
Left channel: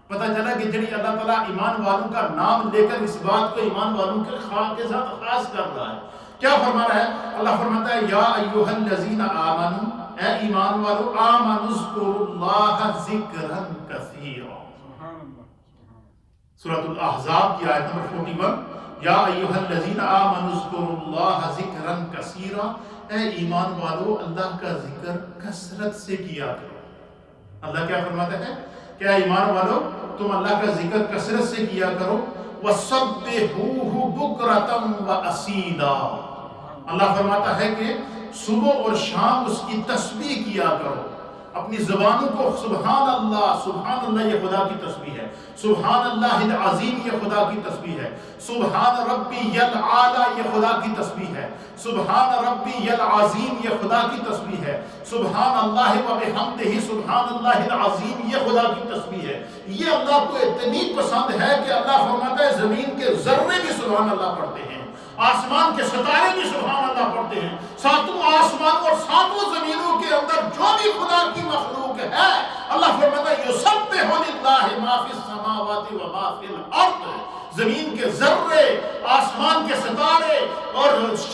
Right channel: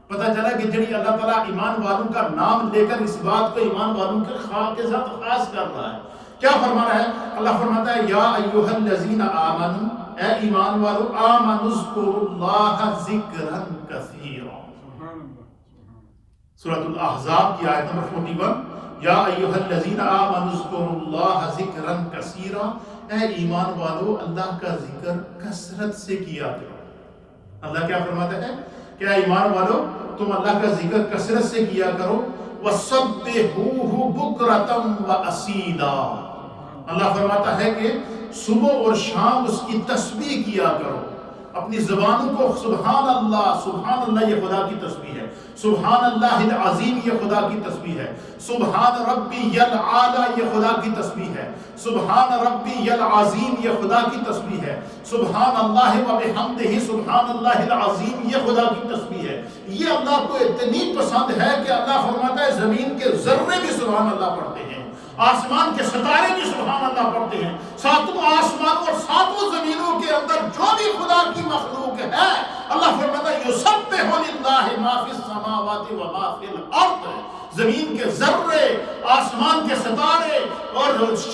پتہ چلا کہ جڑی اللہ تعالیٰ ایمان والوں کا نام لے کر اس بات کو ایمان والوں کے ساتھ خاص کر رہا ہے، کیا فرما رہا ہے؟ اللہ فرماتا ہے یا ایھا الذین آمنوا، اے ایمان والو، آمنوا اذکروا اللہ ذکرا کثیرا۔ سورۃ الاحزاب کی آیت نمبر 41، یا ایھا الذین آمنوا اذکروا اللہ ذکرا کثیرا، اے ایمان والو اللہ کا ذکر کثرت سے کیا کرو۔ اللہ کیا فرماتا ہے کہ اے ایمان والو تم اللہ کا ذکر کثرت سے کیا کرو، وَسَبِّحُوهُ بُكْرَةً وَأَصِيلًا۔ اللہ فرماتا ہے کہ صبح اور شام اس کی تسبیح کیا کرو، اپنی زبانوں کو سبحان اللہ یہ خدا کی تسبیح ہے، سبحان اللہ العظیم یہ خدا کی تسبیح ہے، سبحان ربی العالی یہ خدا کی تسبیح ہے، سبحان ربی العظیم یہ خدا کی تسبیح ہے، سبحان اللہ و بحمدہ سبحان اللہ العظیم یہ خدا کی تسبیح ہے۔ یہ اللہ کو اتنی پسند ہے کہ اللہ فرماتا ہے زمین کے ذرے بھی سبحان اللہ پڑھتے ہیں، آسمان کے ستارے بھی سبحان اللہ پڑھتے ہیں، ساتوں آسمان اور ساتوں زمینوں کے اندر جو بھی خدا کی مخلوق ہے، اللہ فرماتا ہے یسبح للہ ما فی السماوات و ما فی الارض، زمین کے ذرے، آسمان کے ستارے اور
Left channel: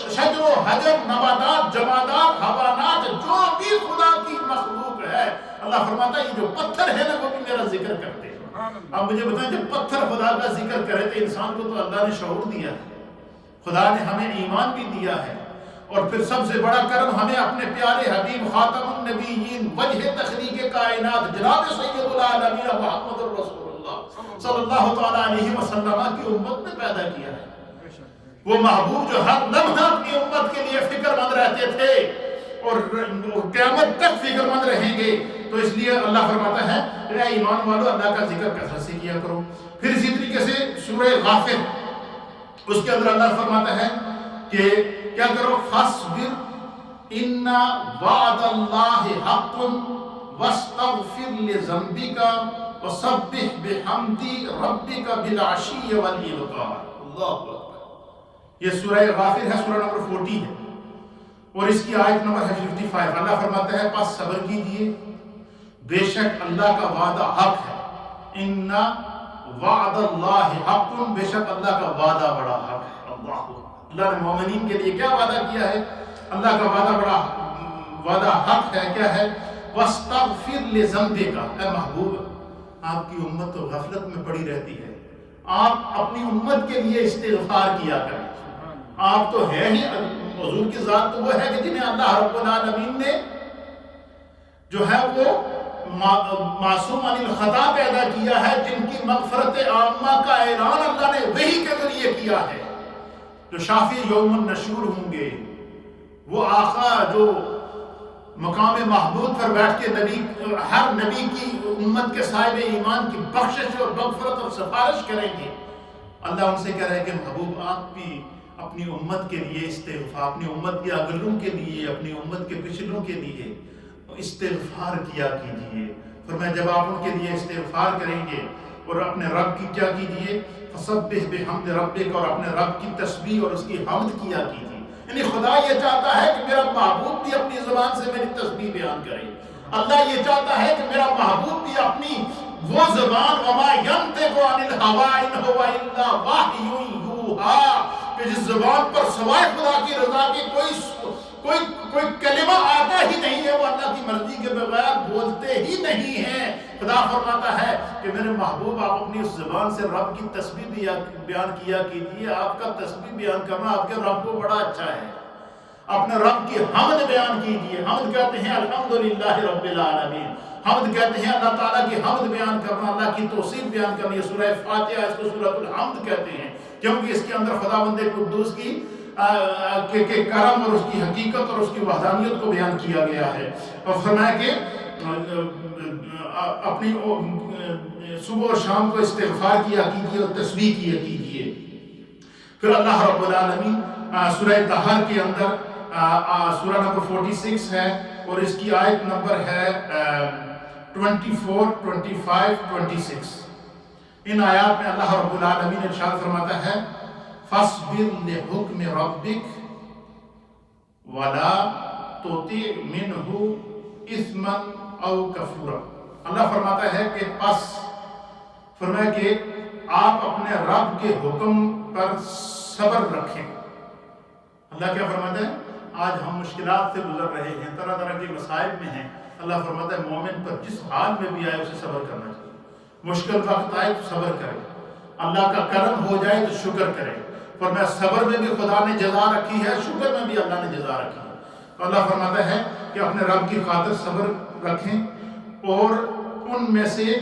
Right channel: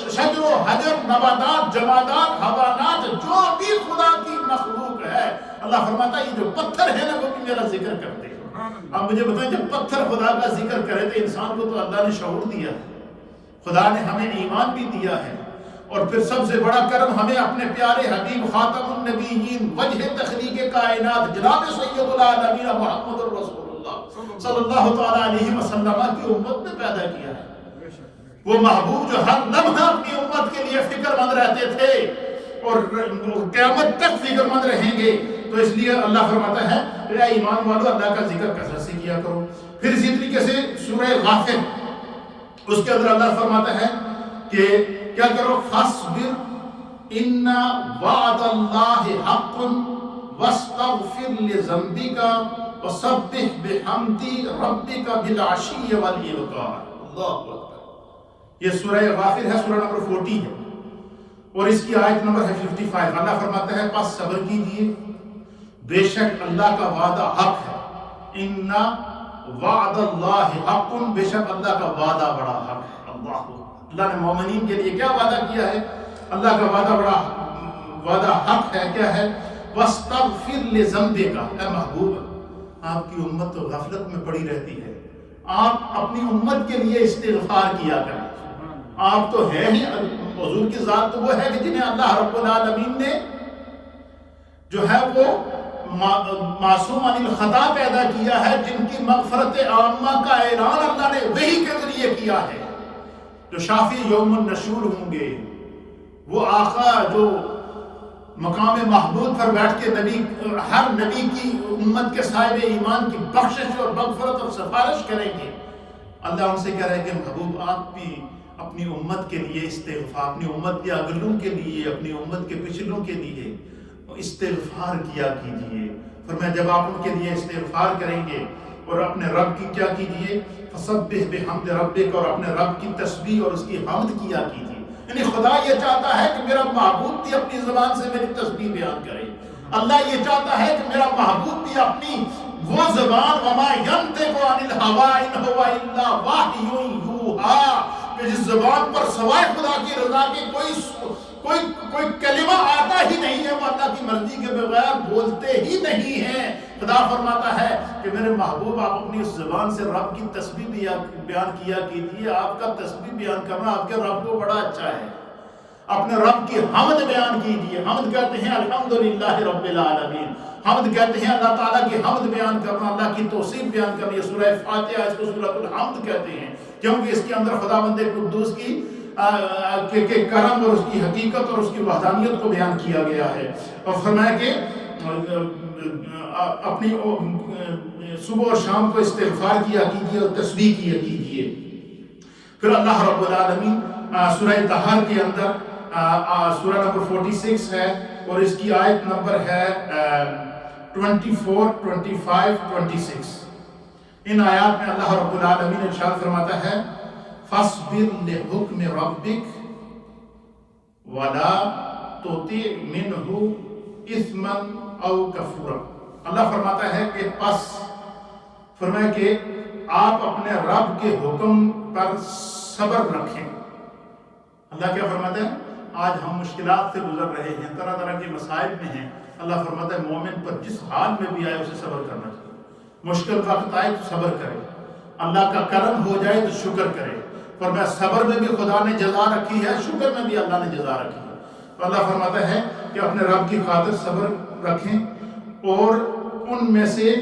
شجر و حجر، نباتات، جمادات، حیوانات، جو بھی خدا کی مخلوق ہے، اللہ فرماتا ہے یہ جو پتھر ہے نا وہ بھی میرا ذکر کرتے ہیں۔ اب مجھے بتائیں جب پتھر خدا کا ذکر کرے تو انسان کو تو اللہ نے شعور دیا ہے، خدا نے ہمیں ایمان بھی دیا ہے، اور پھر سب سے بڑا کرم ہمیں اپنے پیارے حبیب خاتم النبیین وجہ تخلیق کائنات جناب سید العالمین محمد الرسول اللہ صلی اللہ تعالیٰ علیہ وسلم کی امت میں پیدا کیا ہے۔ وہ محبوب جو ہر لمحہ اپنی امت کے لیے فکر مند رہتے تھے، اور قیامت تک فکر مند رہیں گے. تو اس لیے اللہ فرماتا ہے اے ایمان والو اللہ کا ذکر کثرت سے کیا کرو. پھر اسی طریقے سے سورہ غافر اس کے اندر اللہ فرماتا ہے کہ کیا کرو فاصبر ان وعد اللہ حق واستغفر لذنبک وسبح بحمد ربک بالعشی والابکار. اللہ اکبر. یہ سورہ غافر ہے, سورہ نمبر 40 ہے اور اس کی آیت نمبر ہے 55. اللہ فرماتا ہے پس صبر کیجئے, بے شک اللہ کا وعدہ حق ہے. ان وعد اللہ حق, بے شک اللہ کا وعدہ بڑا حق ہے. اللہ نے مومنین کے لیے کیا وعدہ کیا ہے؟ اللہ کا وعدہ بڑا وعدہ حق ہے. کیا ہے؟ واستغفر لذنبک. اے محبوب, آپ کی امت تو غفلت میں پڑی رہتی ہے, آپ اپنی امت کے لیے استغفار کیا کریں. آپ تو ہے ہی, حضور کی ذات تو وہ ہے کہ جنہیں اللہ رب العالمین نے جو ہے وہ معصوم عن الخطا پیدا کیا ہے, جن کی مغفرت عامہ کا اعلان اللہ نے وحی کے ذریعے کیا ہے. جو شافی یوم النشور ہوں گے, وہ آقا جو مقام محمود پر بیٹھ کے ہر نبی کی امت کے صاحب ایمان کی بخشش اور مغفرت اور سفارش کریں گے. اللہ ان سے کہہ رہا ہے کہ محبوب آپ بھی اپنی امت کے لیے استغفار, اپنی امت کے اگلوں کے لیے, اپنی امت کے پچھلوں کے لیے استغفار کیا کیجئے. فرمایا جب آپ ان کے لیے استغفار کریں گے اور اپنے رب کی کیا کیجئے, فسبح بحمد ربک, اور اپنے رب کی تسبیح اور اس کی حمد کیا کیجئے. یعنی خدا یہ چاہتا ہے کہ میرا محبوب بھی اپنی زبان سے میری تسبیح بیان کرے. اللہ یہ چاہتا ہے کہ میرا محبوب بھی اپنی وہ زبان وما ینطق عن الہوی ان هو الا وحی یوحی, کہ جس زبان پر سوائے خدا کی رضا کے کوئی کلمہ آتا ہی نہیں ہے, وہ اللہ کی مرضی کے بغیر بولتے ہی نہیں ہیں. خدا فرماتا ہے کہ میرے محبوب آپ اپنی اس زبان سے رب کی تسبیح بیان کیا کیجیے. آپ کا تسبیح بیان کرنا آپ کے رب کو بڑا اچھا ہے. اپنے رب کی حمد بیان کیجیے. حمد کہتے ہیں الحمدللہ رب العالمین. حمد کہتے ہیں اللہ تعالیٰ کی حمد بیان کرنا, اللہ کی توصیف بیان کرنا. یہ سورہ فاتحہ, اس کو سورۃ الحمد کہتے ہیں, کیونکہ اس کے اندر خداوند قدوس کی کے کرم اور اس کی حقیقت اور اس کی وحدانیت کو بیان کیا گیا ہے. اور فرمایا کہ اپنی صبح اور شام کو استغفار کیا کیجیے اور تسبیح کیا کیجیے. پھر اللہ رب العالمین سورہ طہر کے اندر سورہ نمبر 46 ہے اور اس کی آیت نمبر ہے 24, 25, 26. ان آیات میں اللہ رب العالمین ارشاد فرماتا ہے فاصبر لحکم ربک ولا تطع منہ اثما او کفورا. اللہ فرماتا ہے کہ پس فرمایا کہ آپ اپنے رب کے حکم پر صبر رکھیں. اللہ کیا فرماتا ہے؟ آج ہم مشکلات سے گزر رہے ہیں, طرح طرح کے مسائل میں ہیں. اللہ فرماتا ہے مومن پر جس حال میں بھی آئے اسے صبر کرنا چاہیے. مشکل وقت آئے تو صبر کرے, اللہ کا کرم ہو جائے تو شکر کرے. فرمایا صبر میں بھی خدا نے جزا رکھی ہے, شکر میں بھی اللہ نے جزا رکھی ہے. تو اللہ فرماتا ہے کہ اپنے رب کی خاطر صبر رکھیں اور ان میں سے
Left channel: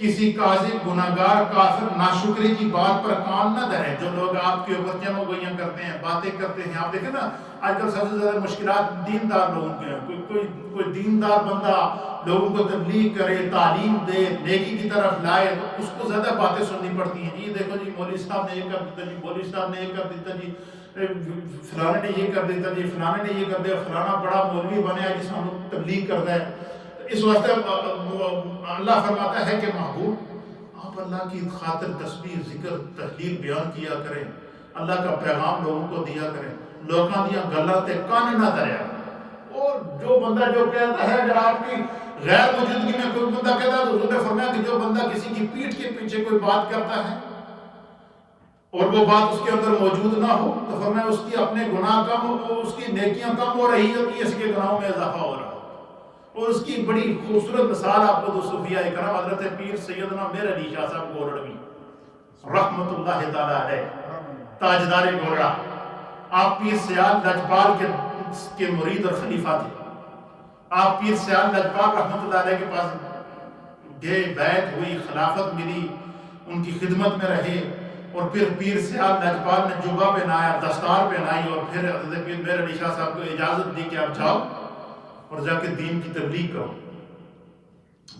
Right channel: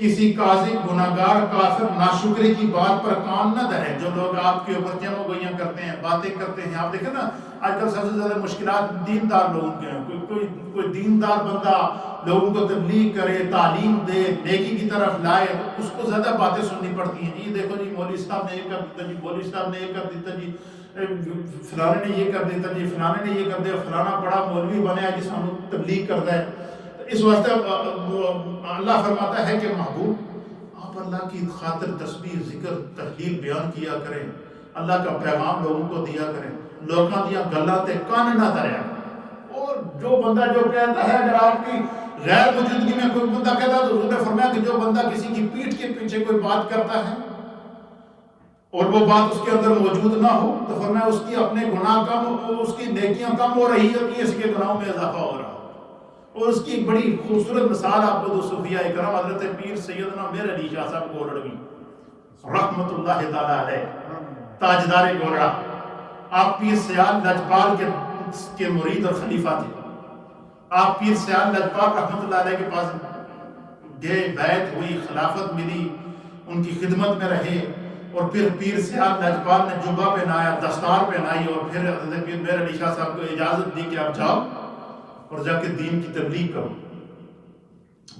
کسی کاذب, گناہگار, کافر, ناشکری کی بات پر کان نہ دھریں. جو لوگ آپ کے اوپر جمع گوئیاں کرتے ہیں, باتیں کرتے ہیں. آپ دیکھیں نا آج کل سب سے زیادہ مشکلات دیندار لوگوں کے ہیں. کوئی دیندار بندہ لوگوں کو تبلیغ کرے, تعلیم دے, نیکی کی طرف لائے, تو اس کو زیادہ باتیں سننی پڑتی ہیں. جی دیکھو جی مولوی صاحب نے یہ کر دیتا, جی مولوی صاحب نے یہ کر دیتا, جی فلانے نے یہ کر دیتا, جی فلانے نے یہ کر دیا, فلانا بڑا مولوی بنے جس ہم تبلیغ کرتا ہے. اس واسطے اللہ فرماتا ہے کہ محبوب آپ اللہ کی خاطر تسبیح, ذکر, تحلیل بیان کیا کریں. اللہ کا پیغام لوگوں کو دیا کریں. لوگاں دیا گلاں تے کان نہ دھریا. اور جو بندہ جو کہتا ہے, اگر آپ کی غیر موجودگی میں کوئی بندہ کہتا ہے, تو حضور نے فرمایا کہ جو بندہ کسی کی پیٹھ کے پیچھے کوئی بات کرتا ہے اور وہ بات اس کے اندر موجود نہ ہو, تو فرمایا اس کی اپنے گناہ کم, اس کی نیکیاں کم ہو رہی ہوتی ہیں, اس کے گناہوں میں اضافہ ہو رہا. اور اس کی بڑی خوبصورت مثال آپ کو دو صوفیاء اکرام حضرت پیر سیدنا میر علی شاہ صاحب گولڑوی رحمت اللہ تعالی علیہ, تاجدار گولڑا. آپ پیر سیال لجپال کے مرید اور خلیفہ تھے. آپ پیر سیال لجپال رحمت اللہ علیہ کے پاس گئے, بیعت ہوئی, خلافت ملی, ان کی خدمت میں رہے. اور پھر پیر سیال لجپال نے جبہ پہنایا, دستار پہنائی, اور پھر حضرت پیر میر علی شاہ صاحب کو اجازت دی کہ آپ جاؤ اور جا کے دین کی تبلیغ کرو۔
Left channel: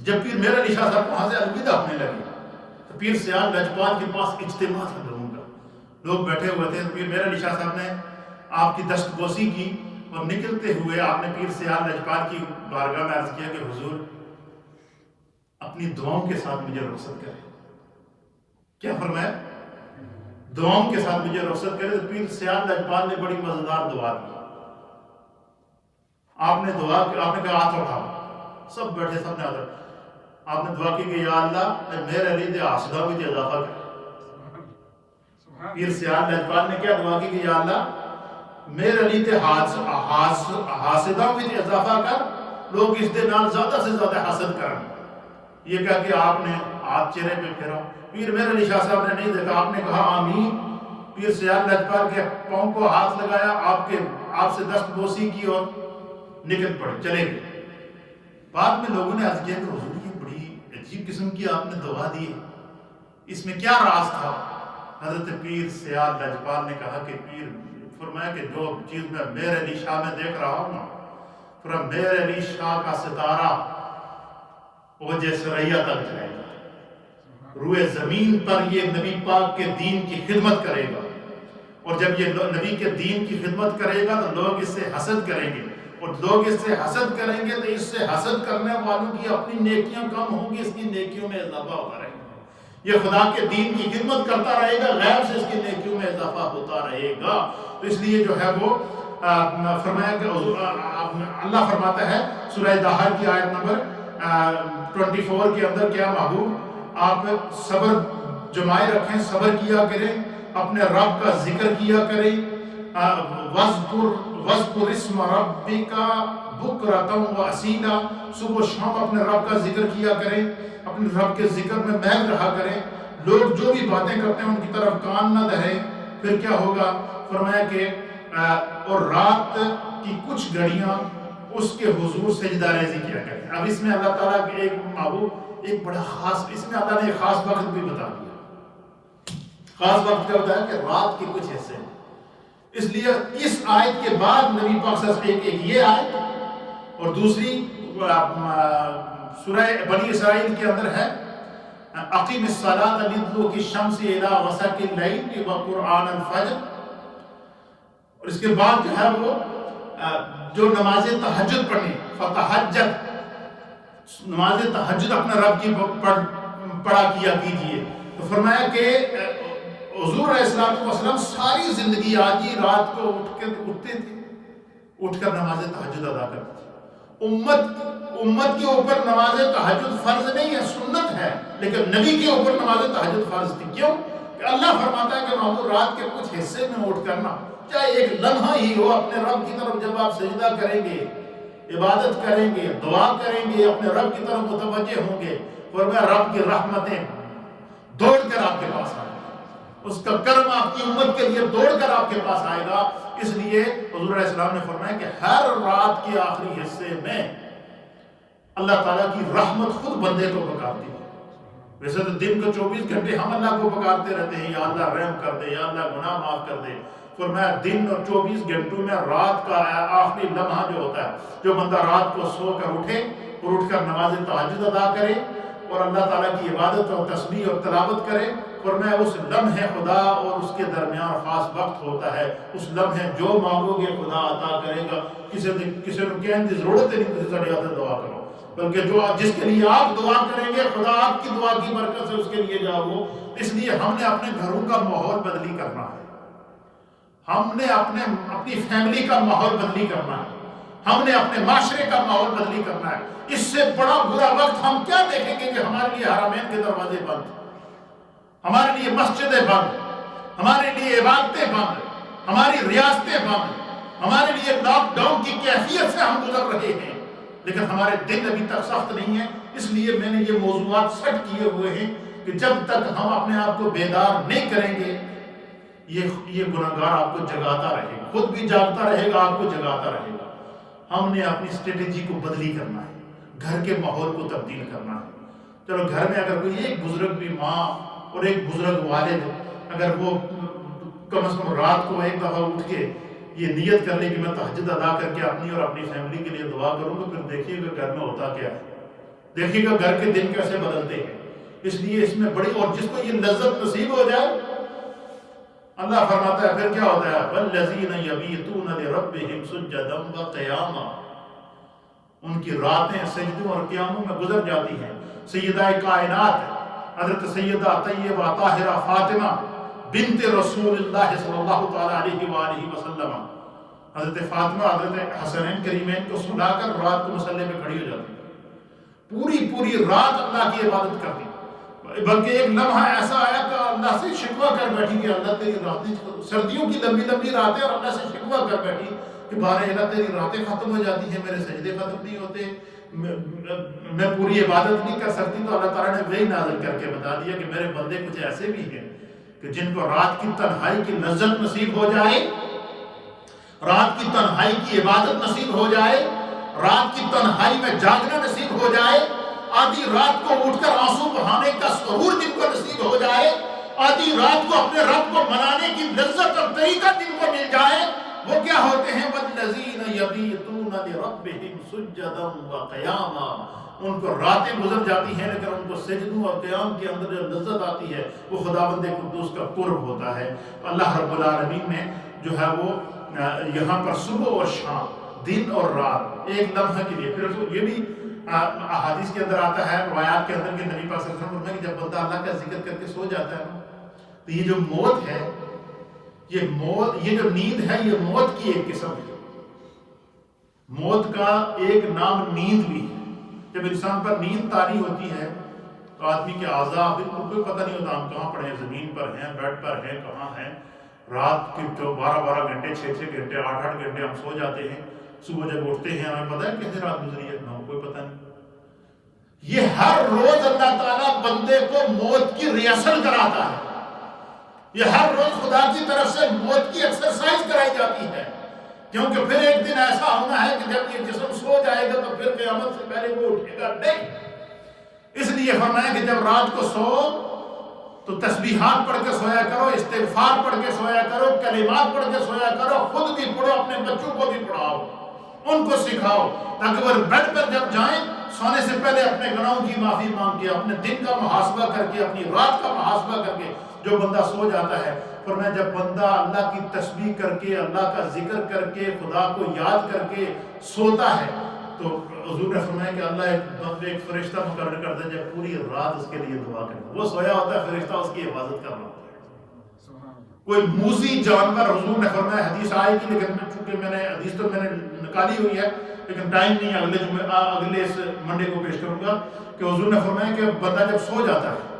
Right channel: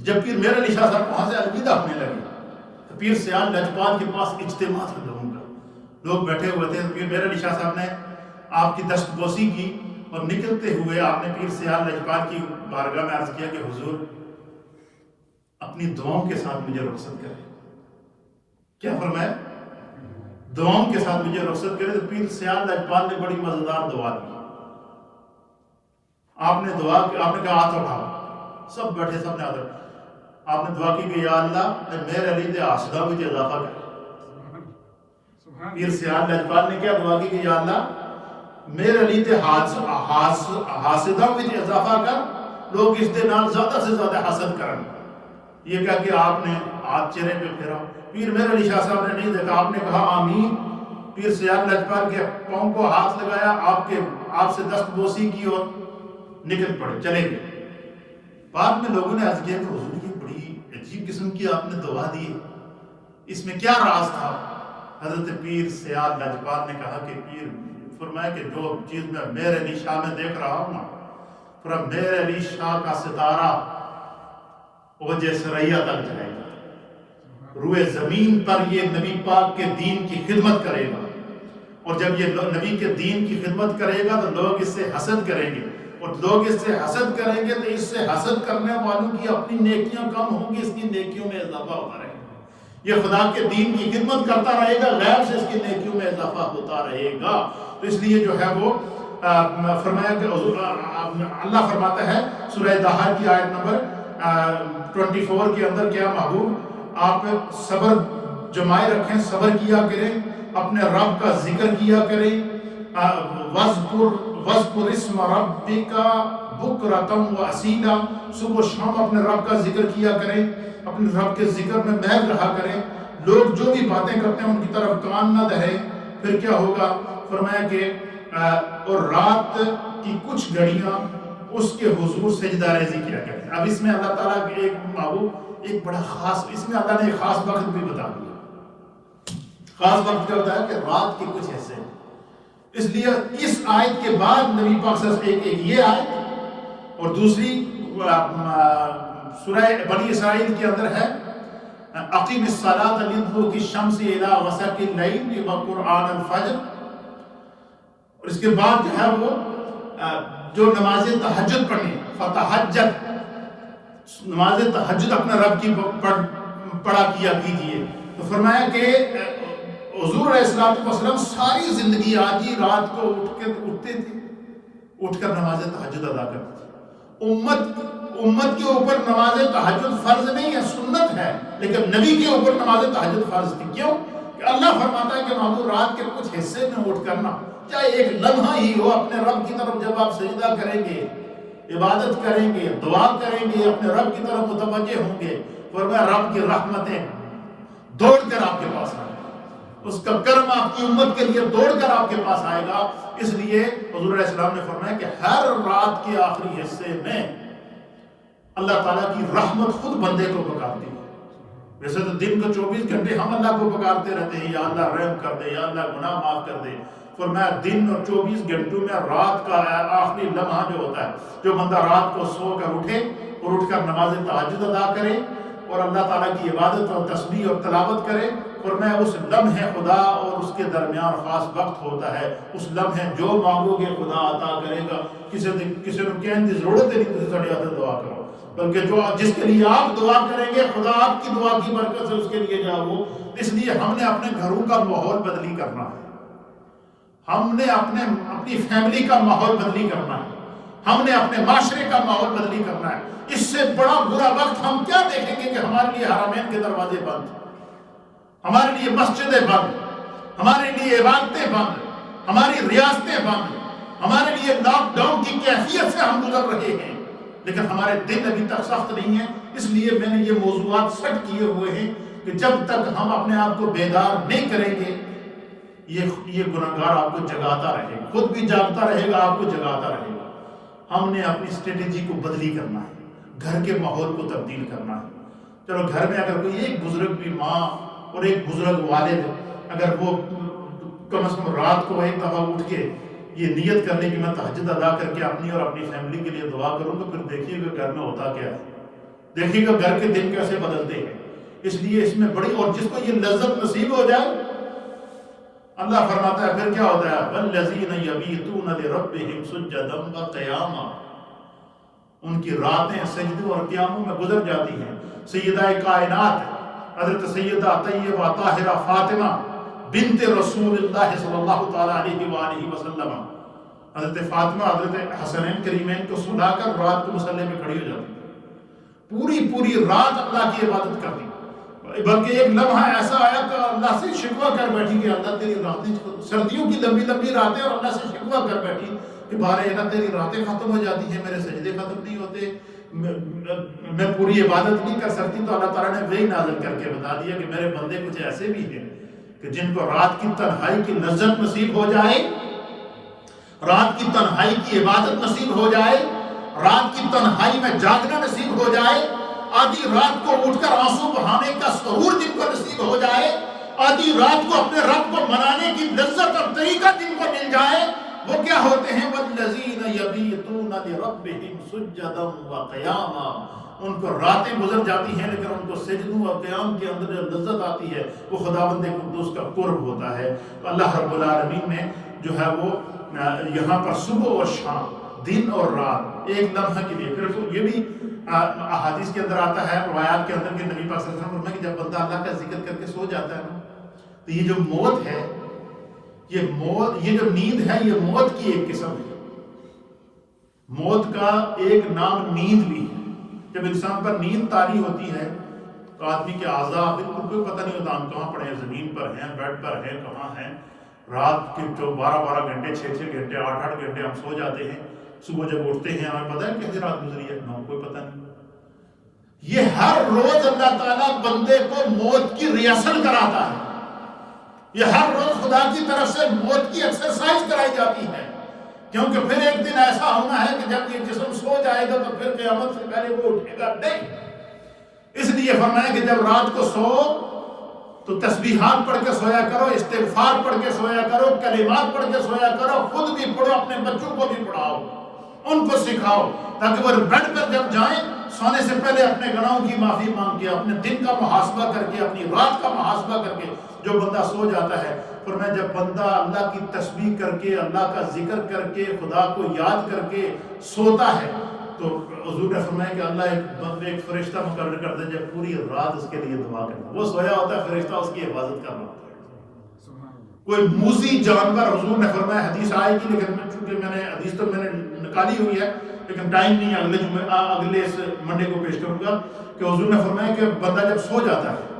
جب پیر میر علی شاہ صاحب وہاں سے الوداع ہونے لگے تو پیر سیال لجپال کے پاس اجتماع تھا لوگوں کا، لوگ بیٹھے ہوئے تھے۔ پیر میر علی شاہ صاحب نے آپ کی دستبوسی کی اور نکلتے ہوئے آپ نے پیر سیال لجپال کی بارگاہ میں عرض کیا کہ حضور اپنی دعاؤں کے ساتھ مجھے رخصت کرے۔ کیا فرمایا؟ دعاؤں کے ساتھ مجھے رخصت کرے۔ تو پیر سیال لجپال نے بڑی مزیدار دعا دی۔ آپ نے دعا کی، آپ نے کہا ہاتھ اٹھاؤ، سب بیٹھے، سب نے ہاتھ اٹھایا۔ آپ نے دعا کی کہ یا اللہ میرے علی دے حاسدہ وچ اضافہ کر۔ پیر سیال لجپال نے کیا دعا کی کہ یا اللہ میرے علی دے حاسدہ وچ اضافہ کر، لوگ اس دے نال زیادہ سے زیادہ حسد کرن۔ یہ کہا کہ آپ نے ہاتھ چہرے پہ پھیرا۔ پیر میر علی شاہ صاحب نے نہیں دیکھا، آپ نے کہا آمین۔ پیر سیال لجپال کے پاؤں کو ہاتھ لگایا، آپ سے دستبوسی کی اور نکل پڑے، چلے گئے۔ بعد میں لوگوں نے عرض کیا کہ حضور یہ بڑی عجیب قسم کی آپ نے دعا دی ہے، اس میں کیا راز تھا؟ حضرت پیر سیال لجپال نے کہا کہ پیر فرمایا کہ جو چیز میں میر علی شاہ میں دیکھ رہا ہوں نا، فرمایا میر علی شاہ کا ستارہ اوج ثریا تک جائے گا، روئے زمین پر یہ نبی پاک کے دین کی خدمت کرے گا، اور جب یہ نبی کے دین کی خدمت کرے گا تو لوگ اس سے حسد کریں گے، اور لوگ اس سے حسد کریں گے تو اس سے حسد کرنے والوں کی اپنی نیکیاں کم ہوں گی، اس کی نیکیوں میں اضافہ ہوتا رہے گا۔ یہ خدا کے دین کی خدمت کرتا رہے گا، غیب سے اس کی نیکیوں میں اضافہ ہوتا رہے گا۔ تو اس لیے جو ہے وہ فرمایا کہ اللہ فرماتا ہے سورہ دہر کی آیت نمبر 24 کے اندر، کیا محبوب آپ صبر جمائے رکھیں، صبر کیا کریں، اپنے رب کا ذکر کیا کریں، وَاذْكُرِ اسْمَ رَبِّكَ بُكْرَةً وَأَصِيلًا، صبح و شام اپنے رب کا ذکر کیا کریں، اپنے رب کے ذکر میں محو رہا کریں۔ لوگ جو بھی باتیں کرتے ہیں ان کی طرف کان نہ دہیں۔ پھر کیا ہوگا؟ فرمایا کہ اور رات کی کچھ گھڑیاں اس کے حضور سجدہ ریزی کیا کریں۔ اب اس میں اللہ تعالیٰ کے ایک محبوب ایک بڑا خاص، اس میں اللہ نے ایک خاص وقت بھی بتا دیا۔ خاص وقت کیا ہوتا ہے کہ رات کے کچھ حصے، اس لیے اس آیت کے بعد نبی پاک صلی اللہ علیہ وسلم ایک یہ آیت اور دوسری سورہ بنی اسرائیل کے اندر ہے اقیم الصلاۃ لِدُلُوکِ الشَّمْسِ إِلَىٰ غَسَقِ اللَّيْلِ وَقُرْآنَ الْفَجْرِ، اور اس کے بعد جو ہے وہ جو نماز تہجد پڑھنی، فتہجد، نماز تہجد اپنے رب کی پڑھا کیا کیجئے۔ تو فرمایا کہ حضور علیہ السلام ساری زندگی آج ہی رات کو اٹھتے تھے، اٹھ کر نماز تہجد ادا کرتے تھے۔ امت کے اوپر نماز تہجد فرض نہیں ہے، سنت ہے، لیکن نبی کے اوپر نماز تہجد فرض تھی۔ کیوں؟ کہ اللہ فرماتا ہے کہ محبوب رات کے کچھ حصے میں اٹھ کرنا، چاہے ایک لمحہ ہی ہو، اپنے رب کی طرف جب آپ سجدہ کریں گے، عبادت کریں گے، دعا کریں گے، اپنے رب کی طرف متوجہ ہوں گے، فرمایا رب کی رحمتیں دوڑ کر آپ کے پاس آئیں گے، اس کا کرم آپ کی امت کے لیے دوڑ کر آپ کے پاس آئے گا۔ اس لیے حضور علیہ السلام نے فرمایا کہ ہر رات کے آخری حصے میں اللہ تعالیٰ کی رحمت خود بندے کو پکارتی ہے۔ ویسے تو دن کو 24 گھنٹے ہم اللہ کو پکارتے رہتے ہیں، یا اللہ رحم کر دے، یا اللہ گناہ معاف کر دے، فرمایا دن اور 24 گھنٹوں میں رات کا آخری لمحہ جو ہوتا ہے، جو بندہ رات کو سو کر اٹھے اور اٹھ کر نماز تہجد ادا کرے اور اللہ تعالیٰ کی عبادت اور تسبیح اور تلاوت کرے، فرمایا اس لمحے خدا اور اس کے درمیان خاص وقت ہوتا ہے، اس لمحے جو مانگو گے خدا عطا کرے گا۔ کسی نے کہنے کی ضرورت نہیں، کسی سے دعا کرو، بلکہ جو جس کے لیے آپ دعا کریں گے خدا آپ کی دعا کی برکت سے اس کے لیے جاؤ۔ اس لیے ہم نے اپنے گھروں کا ماحول بدلی کرنا ہے، ہم نے اپنی فیملی کا ماحول بدلی کرنا ہے، ہم نے اپنے معاشرے کا ماحول بدلی کرنا ہے۔ اس سے بڑا برا وقت ہم کیا دیکھیں گے کہ ہمارے لیے حرمین کے دروازے بند، ہمارے لیے مسجدیں بند، ہمارے لیے عبادتیں بند، ہماری ریاستیں بند، ہمارے لیے لاک ڈاؤن کی کیفیت سے ہم گزر رہے ہیں، لیکن ہمارے دن ابھی تک سخت نہیں ہیں۔ اس لیے میں نے یہ موضوعات سیٹ کیے ہوئے ہیں کہ جب تک ہم اپنے آپ کو بیدار نہیں کریں گے یہ گناہگار آپ کو جگاتا رہے گا، خود بھی جاگتا رہے گا، آپ کو جگاتا رہے گا۔ ہم نے اپنی اسٹریٹجی کو بدلی کرنا ہے، گھر کے ماحول کو تبدیل کرنا ہے۔ چلو گھر میں اگر کوئی ایک بزرگ بھی ماں اور ایک بزرگ والد، اگر وہ کم از کم رات کو ایک دفعہ اٹھ کے یہ نیت کر لیں کہ میں تہجد ادا کر کے اپنی اور اپنی فیملی کے لیے دعا کروں گا، پھر دیکھیے گا گھر میں ہوتا کیا ہے، دیکھیے گا گھر کے دن کیسے بدلتے ہیں۔ اس لیے اس میں بڑی، اور جس کو یہ لذت نصیب ہو جائے، اللہ فرماتا ہے پھر کیا ہوتا ہے، وَالَّذِينَ يَبِيتُونَ لِرَبِّهِمْ سُجَّدًا وَقِيَامًا، ان کی راتیں سجدوں اور قیاموں میں گزر جاتی ہیں۔ سیدہ کائنات حضرت سیدہ طیبہ طاہرہ فاطمہ بنت رسول اللہ صلی اللہ تعالیٰ علیہ وآلہ وسلم، حضرت فاطمہ حضرت حسنین کریمین کو سلا کر رات کو مصلی میں کھڑی ہو جاتی، پوری رات اللہ کی عبادت کرتی، بلکہ ایک لمحہ ایسا آیا کہ اللہ سے شکوہ کر بیٹھی کہ اللہ تیری راتیں، سردیوں کی لمبی راتیں، اور اللہ سے شکوہ کر بیٹھی کہ بارے اللہ تیری راتیں ختم ہو جاتی ہیں، میرے سجدے ختم نہیں ہوتے، میں پوری عبادت نہیں کر سکتی۔ تو اللہ تعالیٰ نے وہی نازل کر کے بتا دیا کہ میرے بندے کچھ ایسے بھی ہیں کہ جن کو رات کی تنہائی کی لذت نصیب ہو جائے، رات کی تنہائی کی عبادت نصیب ہو جائے، رات کی تنہائی میں جاگنا نصیب ہو جائے، آدھی رات کو اٹھ کر آنسو بہانے کا سرور جن کو نصیب ہو جائے، آدھی رات کو اپنے رب کو منانے کی لذت اور طریقہ جن کو مل جائے، وہ کیا ہوتے ہیں، وَالَّذِينَ يَبِيتُونَ لِرَبِّهِمْ سُجَّدًا وَقِيَامًا، ان کو راتیں گزر جاتی ہیں لیکن ان کو سجدوں اور قیام کے اندر جو لذت آتی ہے وہ خداوند قدوس کا قرب ہوتا ہے۔ تو اللہ رب العالمین نے جو ہے وہ یہاں پر صبح اور شام، دن اور رات، ایک لمحہ کے لیے، پھر یہ بھی احادیث کے اندر آتا ہے، روایات کے اندر کہ نبی پاک صلی اللہ علیہ وسلم فرمایا کہ جب بندہ اللہ کا ذکر کر کے سو جاتا ہے نا، تو یہ جو موت ہے، یہ جو نیند ہے، یہ موت کی ایک قسم ہے۔ موت کا ایک نام نیند بھی ہے۔ جب انسان پر نیند طاری ہوتی ہے تو آدمی کے اعضاء بالکل کوئی پتہ نہیں ہوتا، ہم کہاں پڑے ہیں، زمین پر ہیں، بیڈ پر ہیں، کہاں ہیں، رات کے جو 12 گھنٹے، 6 گھنٹے، 8 گھنٹے ہم سو جاتے ہیں، صبح جب اٹھتے ہیں ہمیں پتہ ہے کیسے رات گزری ہے، نہ کوئی پتہ نہیں۔ یہ ہر روز اللہ تعالیٰ بندے کو موت کی ریہرسل کراتا ہے، یہ ہر روز خدا کی طرف سے موت کی ایکسرسائز کرائی جاتی ہے، کیونکہ پھر ایک دن ایسا ہونا ہے کہ جب یہ جسم سو جائے گا تو پھر قیامت سے پہلے وہ اٹھے گا نہیں۔ اس لیے فرمایا کہ جب رات کو سو تو تسبیحات پڑھ کے سویا کرو، استغفار پڑھ کے سویا کرو، کلمات پڑھ کے سویا کرو، خود بھی پڑھو، اپنے بچوں کو بھی پڑھاؤ، ان کو سکھاؤ، تاکہ وہ بیڈ پر جب جائیں سونے سے پہلے اپنے گناہوں کی معافی مانگ کے، اپنے دن کا محاسبہ کر کے، اپنی رات کا محاسبہ کر کے جو بندہ سو جاتا ہے، فرمایا جب بندہ اللہ کی تسبیح کر کے، اللہ کا ذکر کر کے، خدا کو یاد کر کے سوتا ہے تو حضور نے فرمایا کہ اللہ ایک فرشتہ مقرر کرتا ہے جب پوری رات اس کے لیے دعا کرتا ہے، وہ سویا ہوتا ہے، فرشتہ اس کی حفاظت کر رہا ہوتا ہے۔ کوئی موذی جانور، حضور نے فرمایا، حدیث آئے گی لیکن چونکہ حدیث تو میں نے نکالی ہوئی ہے لیکن ٹائم نہیں، اگلے اس منڈے کو پیش کروں گا کہ حضور نے فرمایا کہ بندہ جب سو جاتا ہے،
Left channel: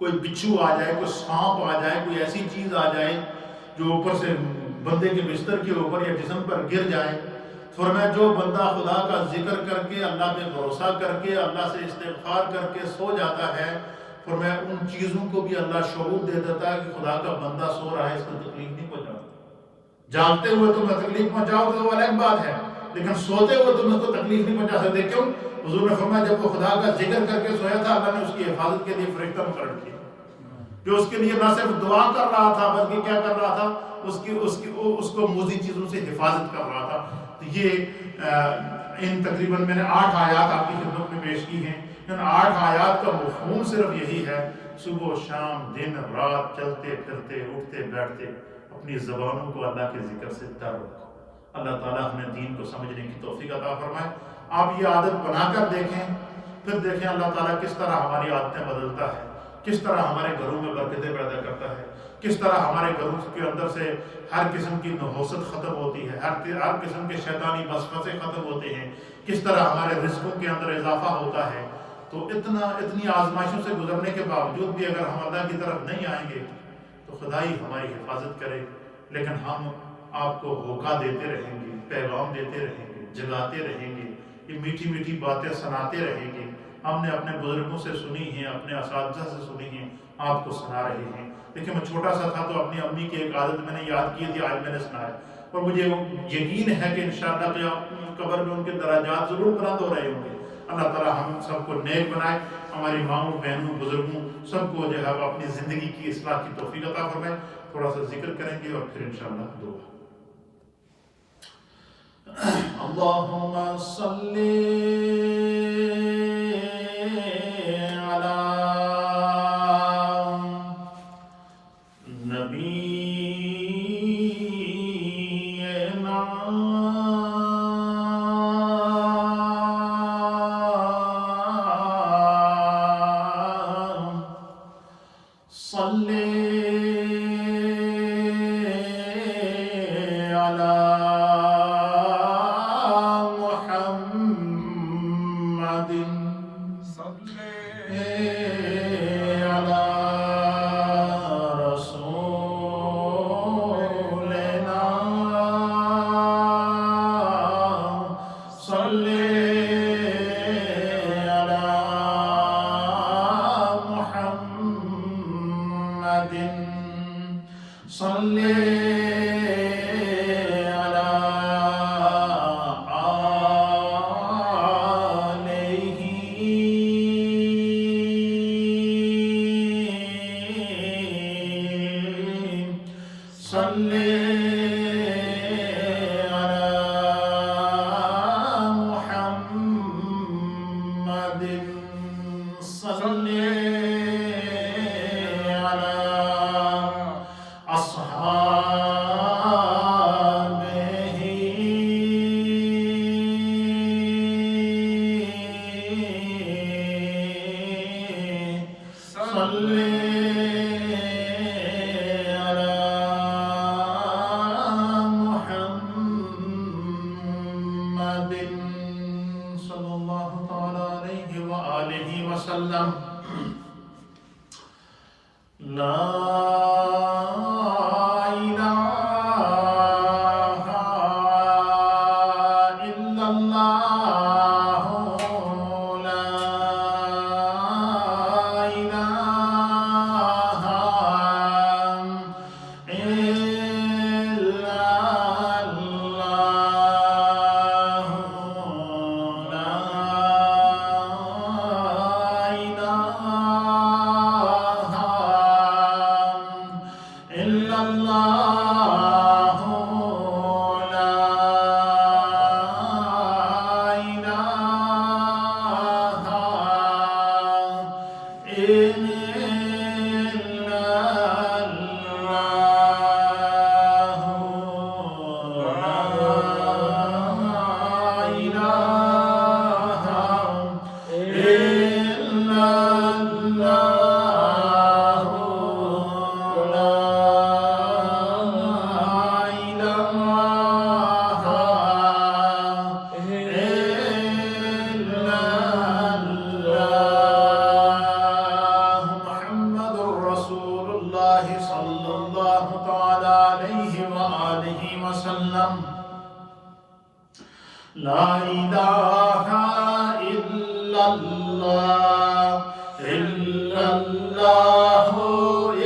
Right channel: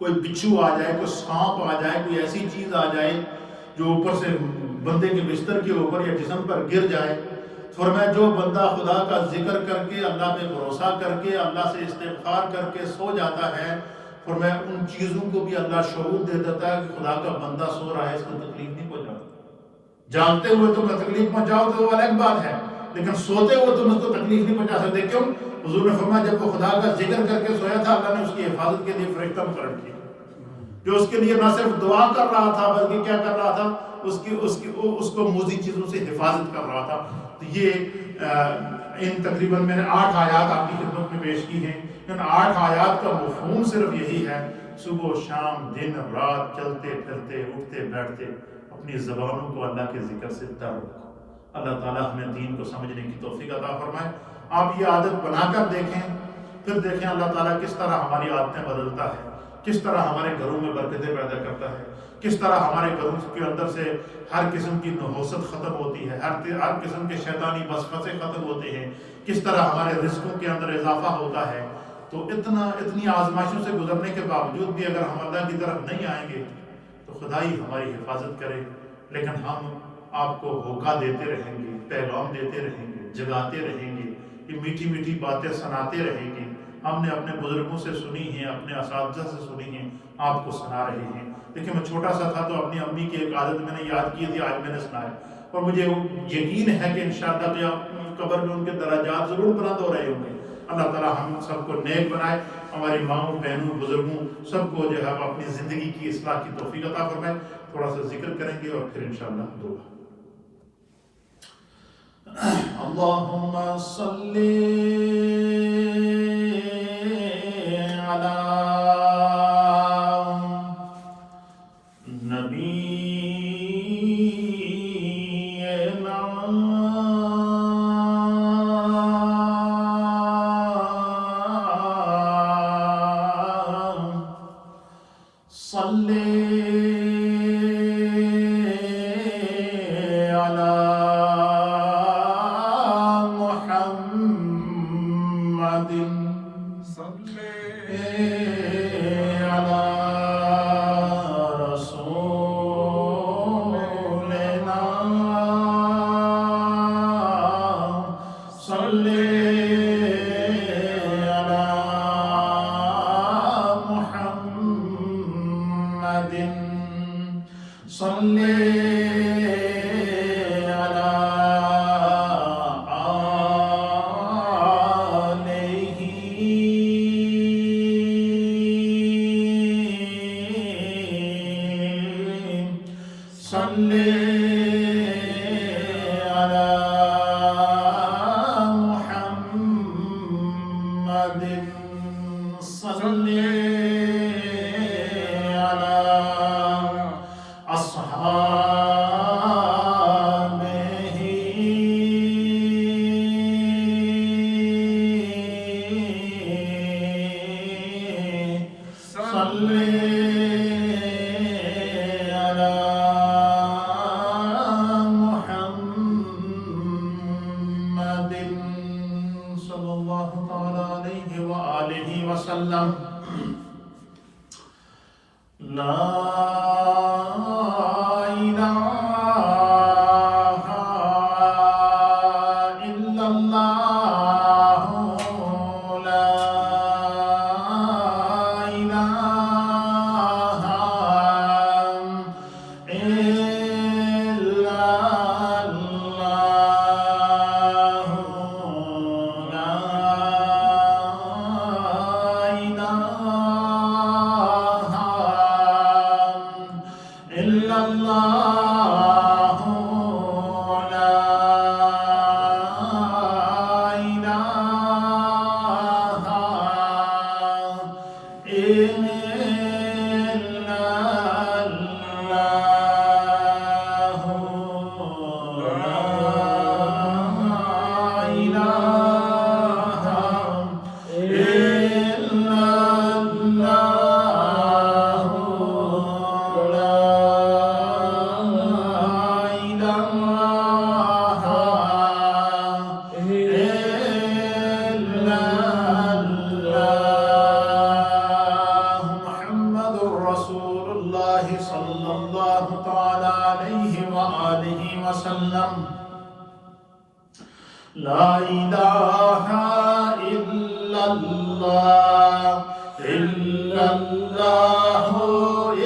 کوئی بچھو آ جائے، کوئی سانپ آ جائے، کوئی ایسی چیز آ جائے جو اوپر سے بندے کے بستر کے اوپر یا جسم پر گر جائے، فرمایا جو بندہ خدا کا ذکر کر کے، اللہ پہ بھروسہ کر کے، اللہ سے استغفار کر کے سو جاتا ہے، فرمایا ان چیزوں کو بھی اللہ شعور دے دیتا ہے کہ خدا کا بندہ سو رہا ہے، اس کو تکلیف نہیں پہنچاؤ۔ جاگتے ہوئے تم تکلیف پہنچاؤ تو وہ الگ بات ہے، لیکن سوتے ہوئے تم اس کو تکلیف نہیں پہنچا سکتے۔ کیوں؟ حضور نے فرمایا جب وہ خدا کا ذکر کر کے سویا تھا، اللہ نے اس کی حفاظت کے لیے فرشتہ مقرر کیا، جو اس کے لیے نہ صرف دعا کر رہا تھا بلکہ کیا کر رہا تھا، اس کو موذی چیزوں سے حفاظت کر رہا تھا۔ تو یہ ان تقریباً میں نے 8 آیات آپ کی خدمت میں پیش کی ہیں۔ ان 8 آیات کا مفہوم صرف یہی ہے، صبح و شام، دن رات، چلتے پھرتے، اٹھتے بیٹھتے اپنی زبانوں کو اللہ کے ذکر سے تر رکھو۔ اللہ تعالیٰ ہمیں دین کو سمجھنے کی توفیق عطا فرمائے۔ آپ یہ عادت بنا کر دیکھیں، پھر دیکھیں اللہ تعالیٰ کس طرح ہماری عادتیں بدلتا ہے، کس طرح ہمارے گھروں میں برکتیں پیدا کرتا ہے، کس طرح ہمارے گھروں کے اندر سے ہر قسم کی نحوست ختم ہوتی ہے، ہر قسم کے شیطانی وسوسے ختم ہوتے ہیں، کس طرح ہمارے رزقوں کے اندر اضافہ ہوتا ہے۔ تو اتنی آزمائشوں سے گزرنے کے باوجود بھی اگر ہم اللہ کی طرف نہیں آئیں گے تو خدا ہی ہماری حفاظت کرے، لیکن ہم آپ کو ہوکا دیتے رہیں گے، پیغام دیتے رہیں گے، جگاتے رہیں گے، یہ میٹھی میٹھی باتیں سناتے رہیں گے۔ ہم نے اپنے بزرگوں سے سنی ہیں، اپنے اساتذہ سے سنی ہیں، آپ کو سنا رہے ہیں۔ دیکھیں میں چھوٹا سا تھا تو اپنی امی کی ایک عادت میں نے یاد کی تھی، آج میں نے سنایا، اور مجھے یقین ہے کہ انشاءاللہ کہ قبر میں ان کے درجات ضرور بلند ہو رہے ہوں گے۔ اللہ تعالیٰ ہم سب کو نیک بنائے، ہماری ماؤں، بہنوں، بزرگوں سب کو جو ہے اپنی زندگی کی اصلاح کی توفیق عطا فرمائے۔ تھوڑا سا ذکر کریں گے اور پھر انشاءاللہ دعا۔ اللهم صل على نبينا صل على محمد صل على رسولنا صل على محمد صل على آله صل على محمد صل على أصحابه صل على محمد صلى الله تعالى عليه وآله وسلم لا إله إلا الله لا إله إلا الله لا إله إلا الله لا إله إلا الله لا إله إلا الله لا إله إلا الله محمد رسول الله صلى الله تعالى عليه وآله وسلم لا إله إلا الله إلا الله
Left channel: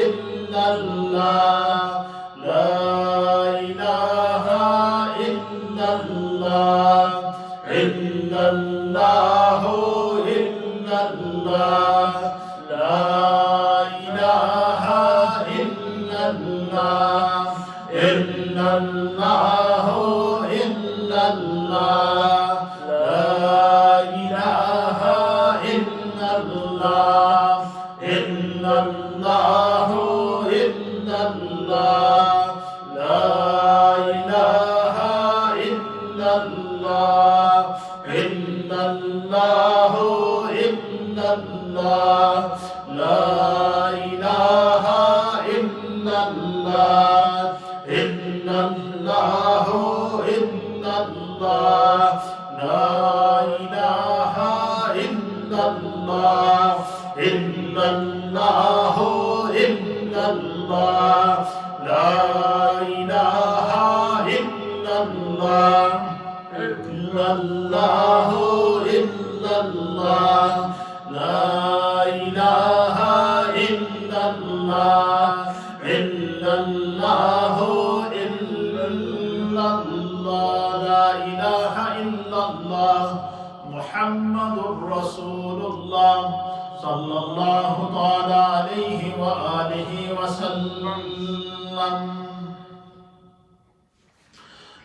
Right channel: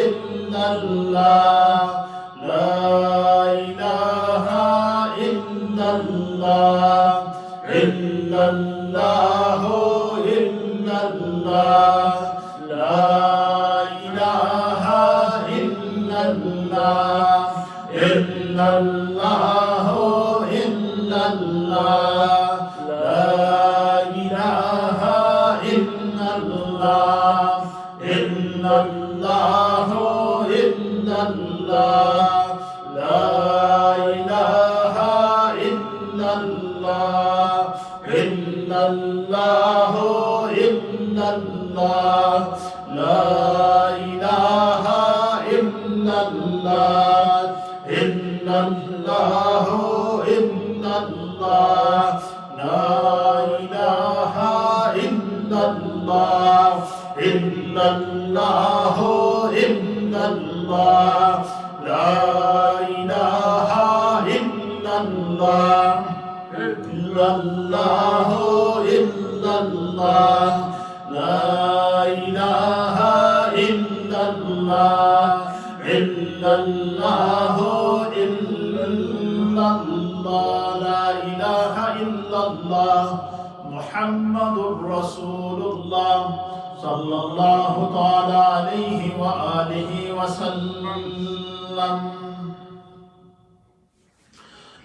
إلا الله لا إله إلا الله إلا الله إلا الله لا إله إلا الله إلا الله إلا الله لا إله إلا الله إلا الله إلا الله لا إله إلا الله إلا الله إلا الله لا إله إلا الله إلا الله إلا الله لا إله إلا الله إلا الله إلا الله لا إله إلا الله إلا الله إلا الله لا إله إلا الله إلا الله إلا الله لا إله إلا الله محمد رسول الله صلى الله تعالى عليه وآله وسلم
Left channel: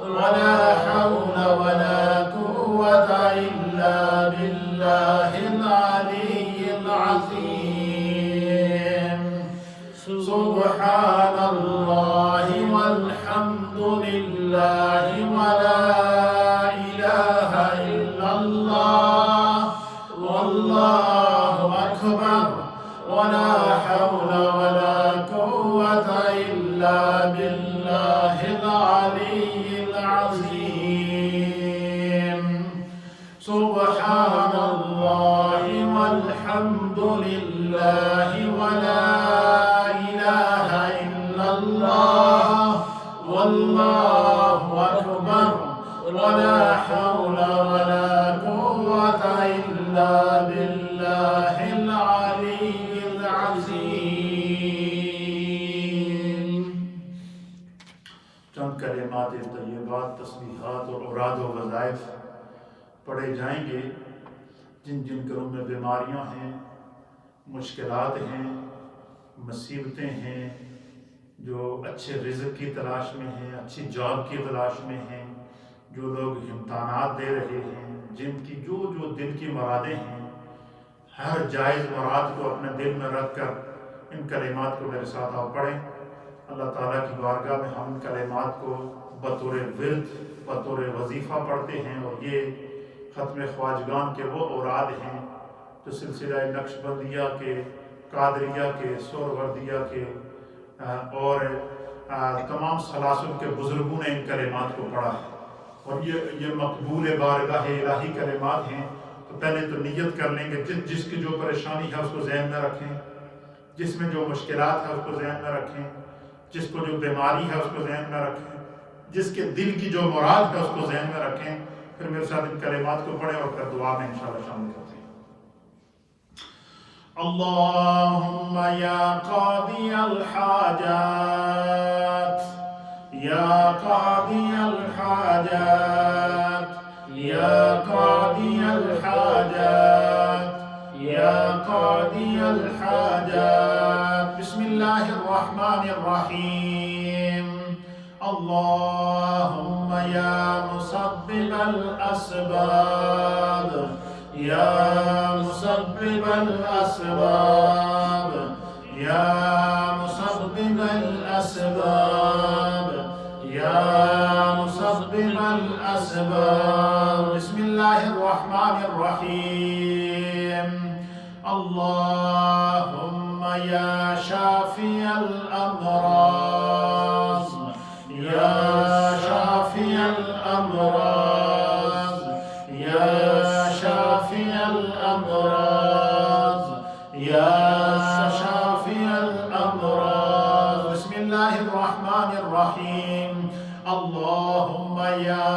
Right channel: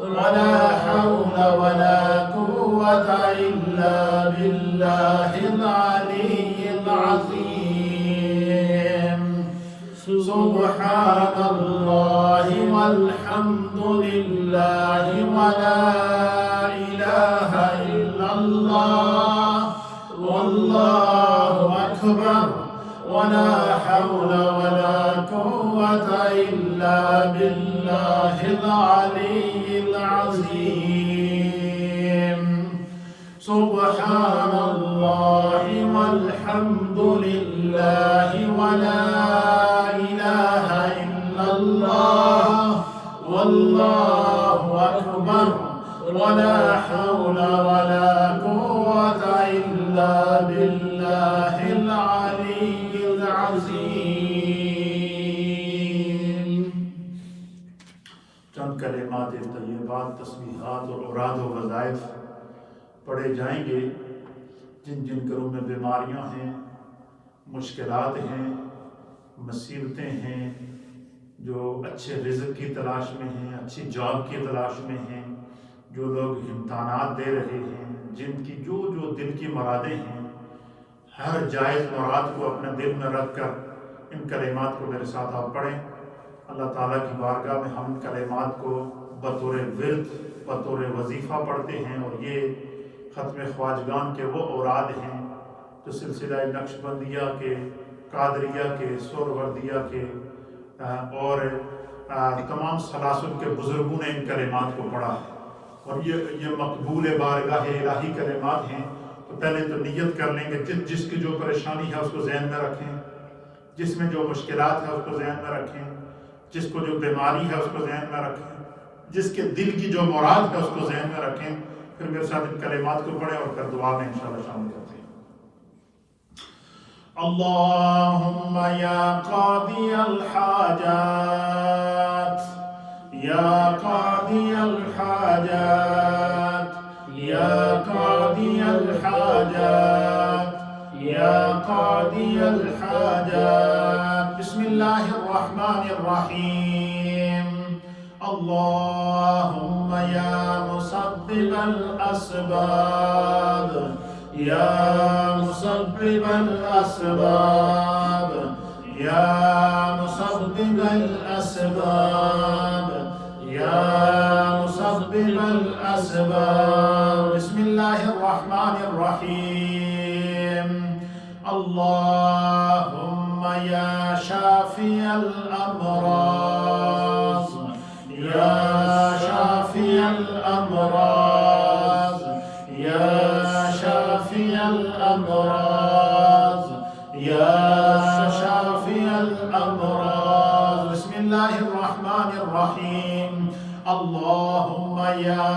ولا حول ولا قوة إلا بالله العلي العظيم. سبحان الله والحمد لله ولا إله إلا الله والله أكبر ولا حول ولا قوة إلا بالله العلي العظيم. سبحان الله والحمد لله ولا إله إلا الله والله أكبر ولا حول ولا قوة إلا بالله العلي العظيم. چند کلمات طیبات، تسبیحات اور اوراد و وظائف پڑھے جائیں گے. جن جن گھروں میں بیماریاں ہیں، مشکلات ہیں، مصیبتیں ہیں، جو اچھے رزق کی تلاش میں ہیں، اچھی جاب کی تلاش میں ہیں، جو لوگ امتحانات دے رہے ہیں، جن کی جو دل کی مرادیں ہیں، ہر جائز مراد کو اپنے دل میں رکھ کر ان کلمات کو میرے ساتھ آپ پڑھیں. اللہ تعالیٰ کی بارگاہ میں ہم ان کلمات کو بطور ورد، بطور وظیفہ پڑھتے ہیں، اور یہ ختم خواجگان کے وہ اوراد ہیں جو سلسلہ نقش بندیہ کے، قادریہ کے، سہروردیہ کے اور تمام سلاسل کے بزرگوں نے ان کلمات کو پڑھا ہے، اور یہ مقبول بارگاہ الہی کلمات ہیں. تو پہلے تو نیت کر لیں گے، جس کی جو پریشانی ہے اس کو ذہن میں رکھیں، جس میں جو مشکلات ہے اس کو ذہن میں رکھیں، جس کو جو بیماری ہے اس کو ذہن میں رکھیں، جس کے دل کی جو مراد ہے اس کو ذہن میں رکھیں. پھر میرے ساتھ ان کلمات کو پڑھیں اور پھر دعا میں انشاءاللہ شامل کرتے ہیں. اللہم یا قاضی الحاجات، یا قاضی الحاجات، یا قاضی الحاجات، یا قاضی الحاجات. بسم اللہ الرحمن الرحیم. اللہم یا مسبب الاسباب، یا مسبب الاسباب، یا مسبب الاسباب، یا مسبب الاسباب. بسم اللہ الرحمن الرحیم. اللہم یا شافی الامراض، یا شافی الامراض، یا شافی الامراض، یا شافی الامراض. بسم اللہ الرحمن الرحیم. اللہم یا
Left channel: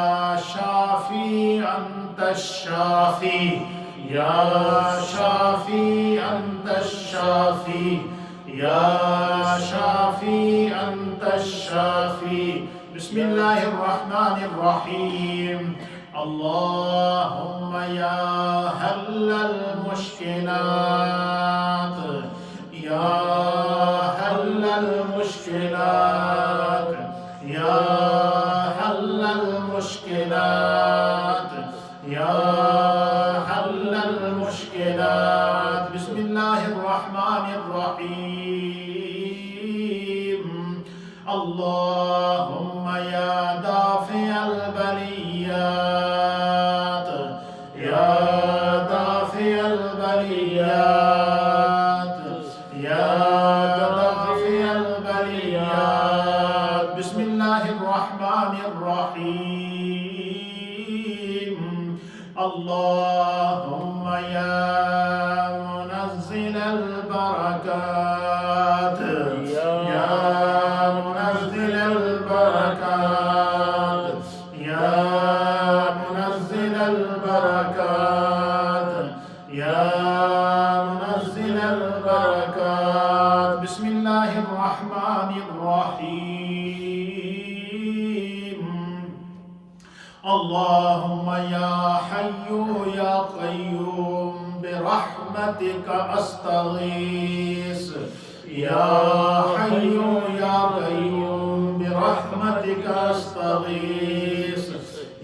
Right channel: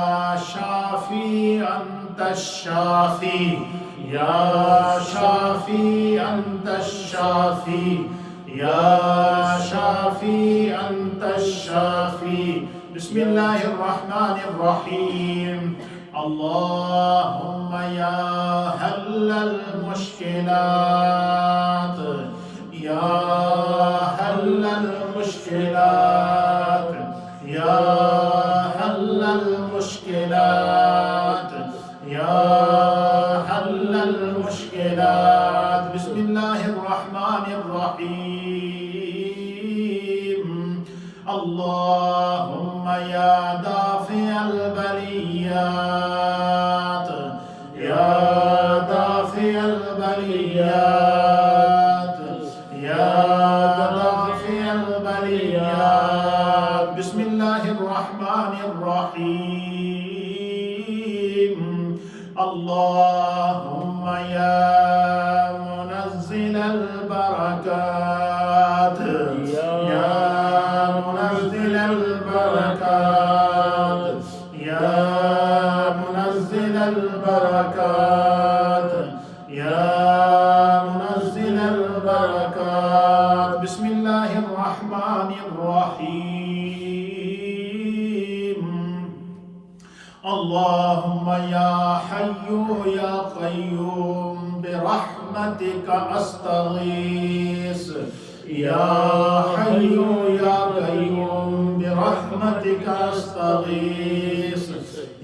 شافی انت الشافی، یا شافی انت الشافی، یا شافی انت الشافی. بسم اللہ الرحمن الرحیم. اللہم یا حل المشکلات، یا حل المشکلات، یا حل المشکلات، یا حل المشکلات. بسم اللہ الرحمن الرحیم. اللہم یا دافع البلیات، یا دافع البلیات، یا دافع البلیات. بسم اللہ الرحمن الرحیم. اللہم یا منزل البرکات، یا منزل البرکات، یا منزل البرکات، یا منزل البرکات. بسم اللہ الرحمن الرحیم. اللہم یا حی یا قیوم برحمتک استغیث، یا حی یا قیوم برحمتک برحمتك أستغيث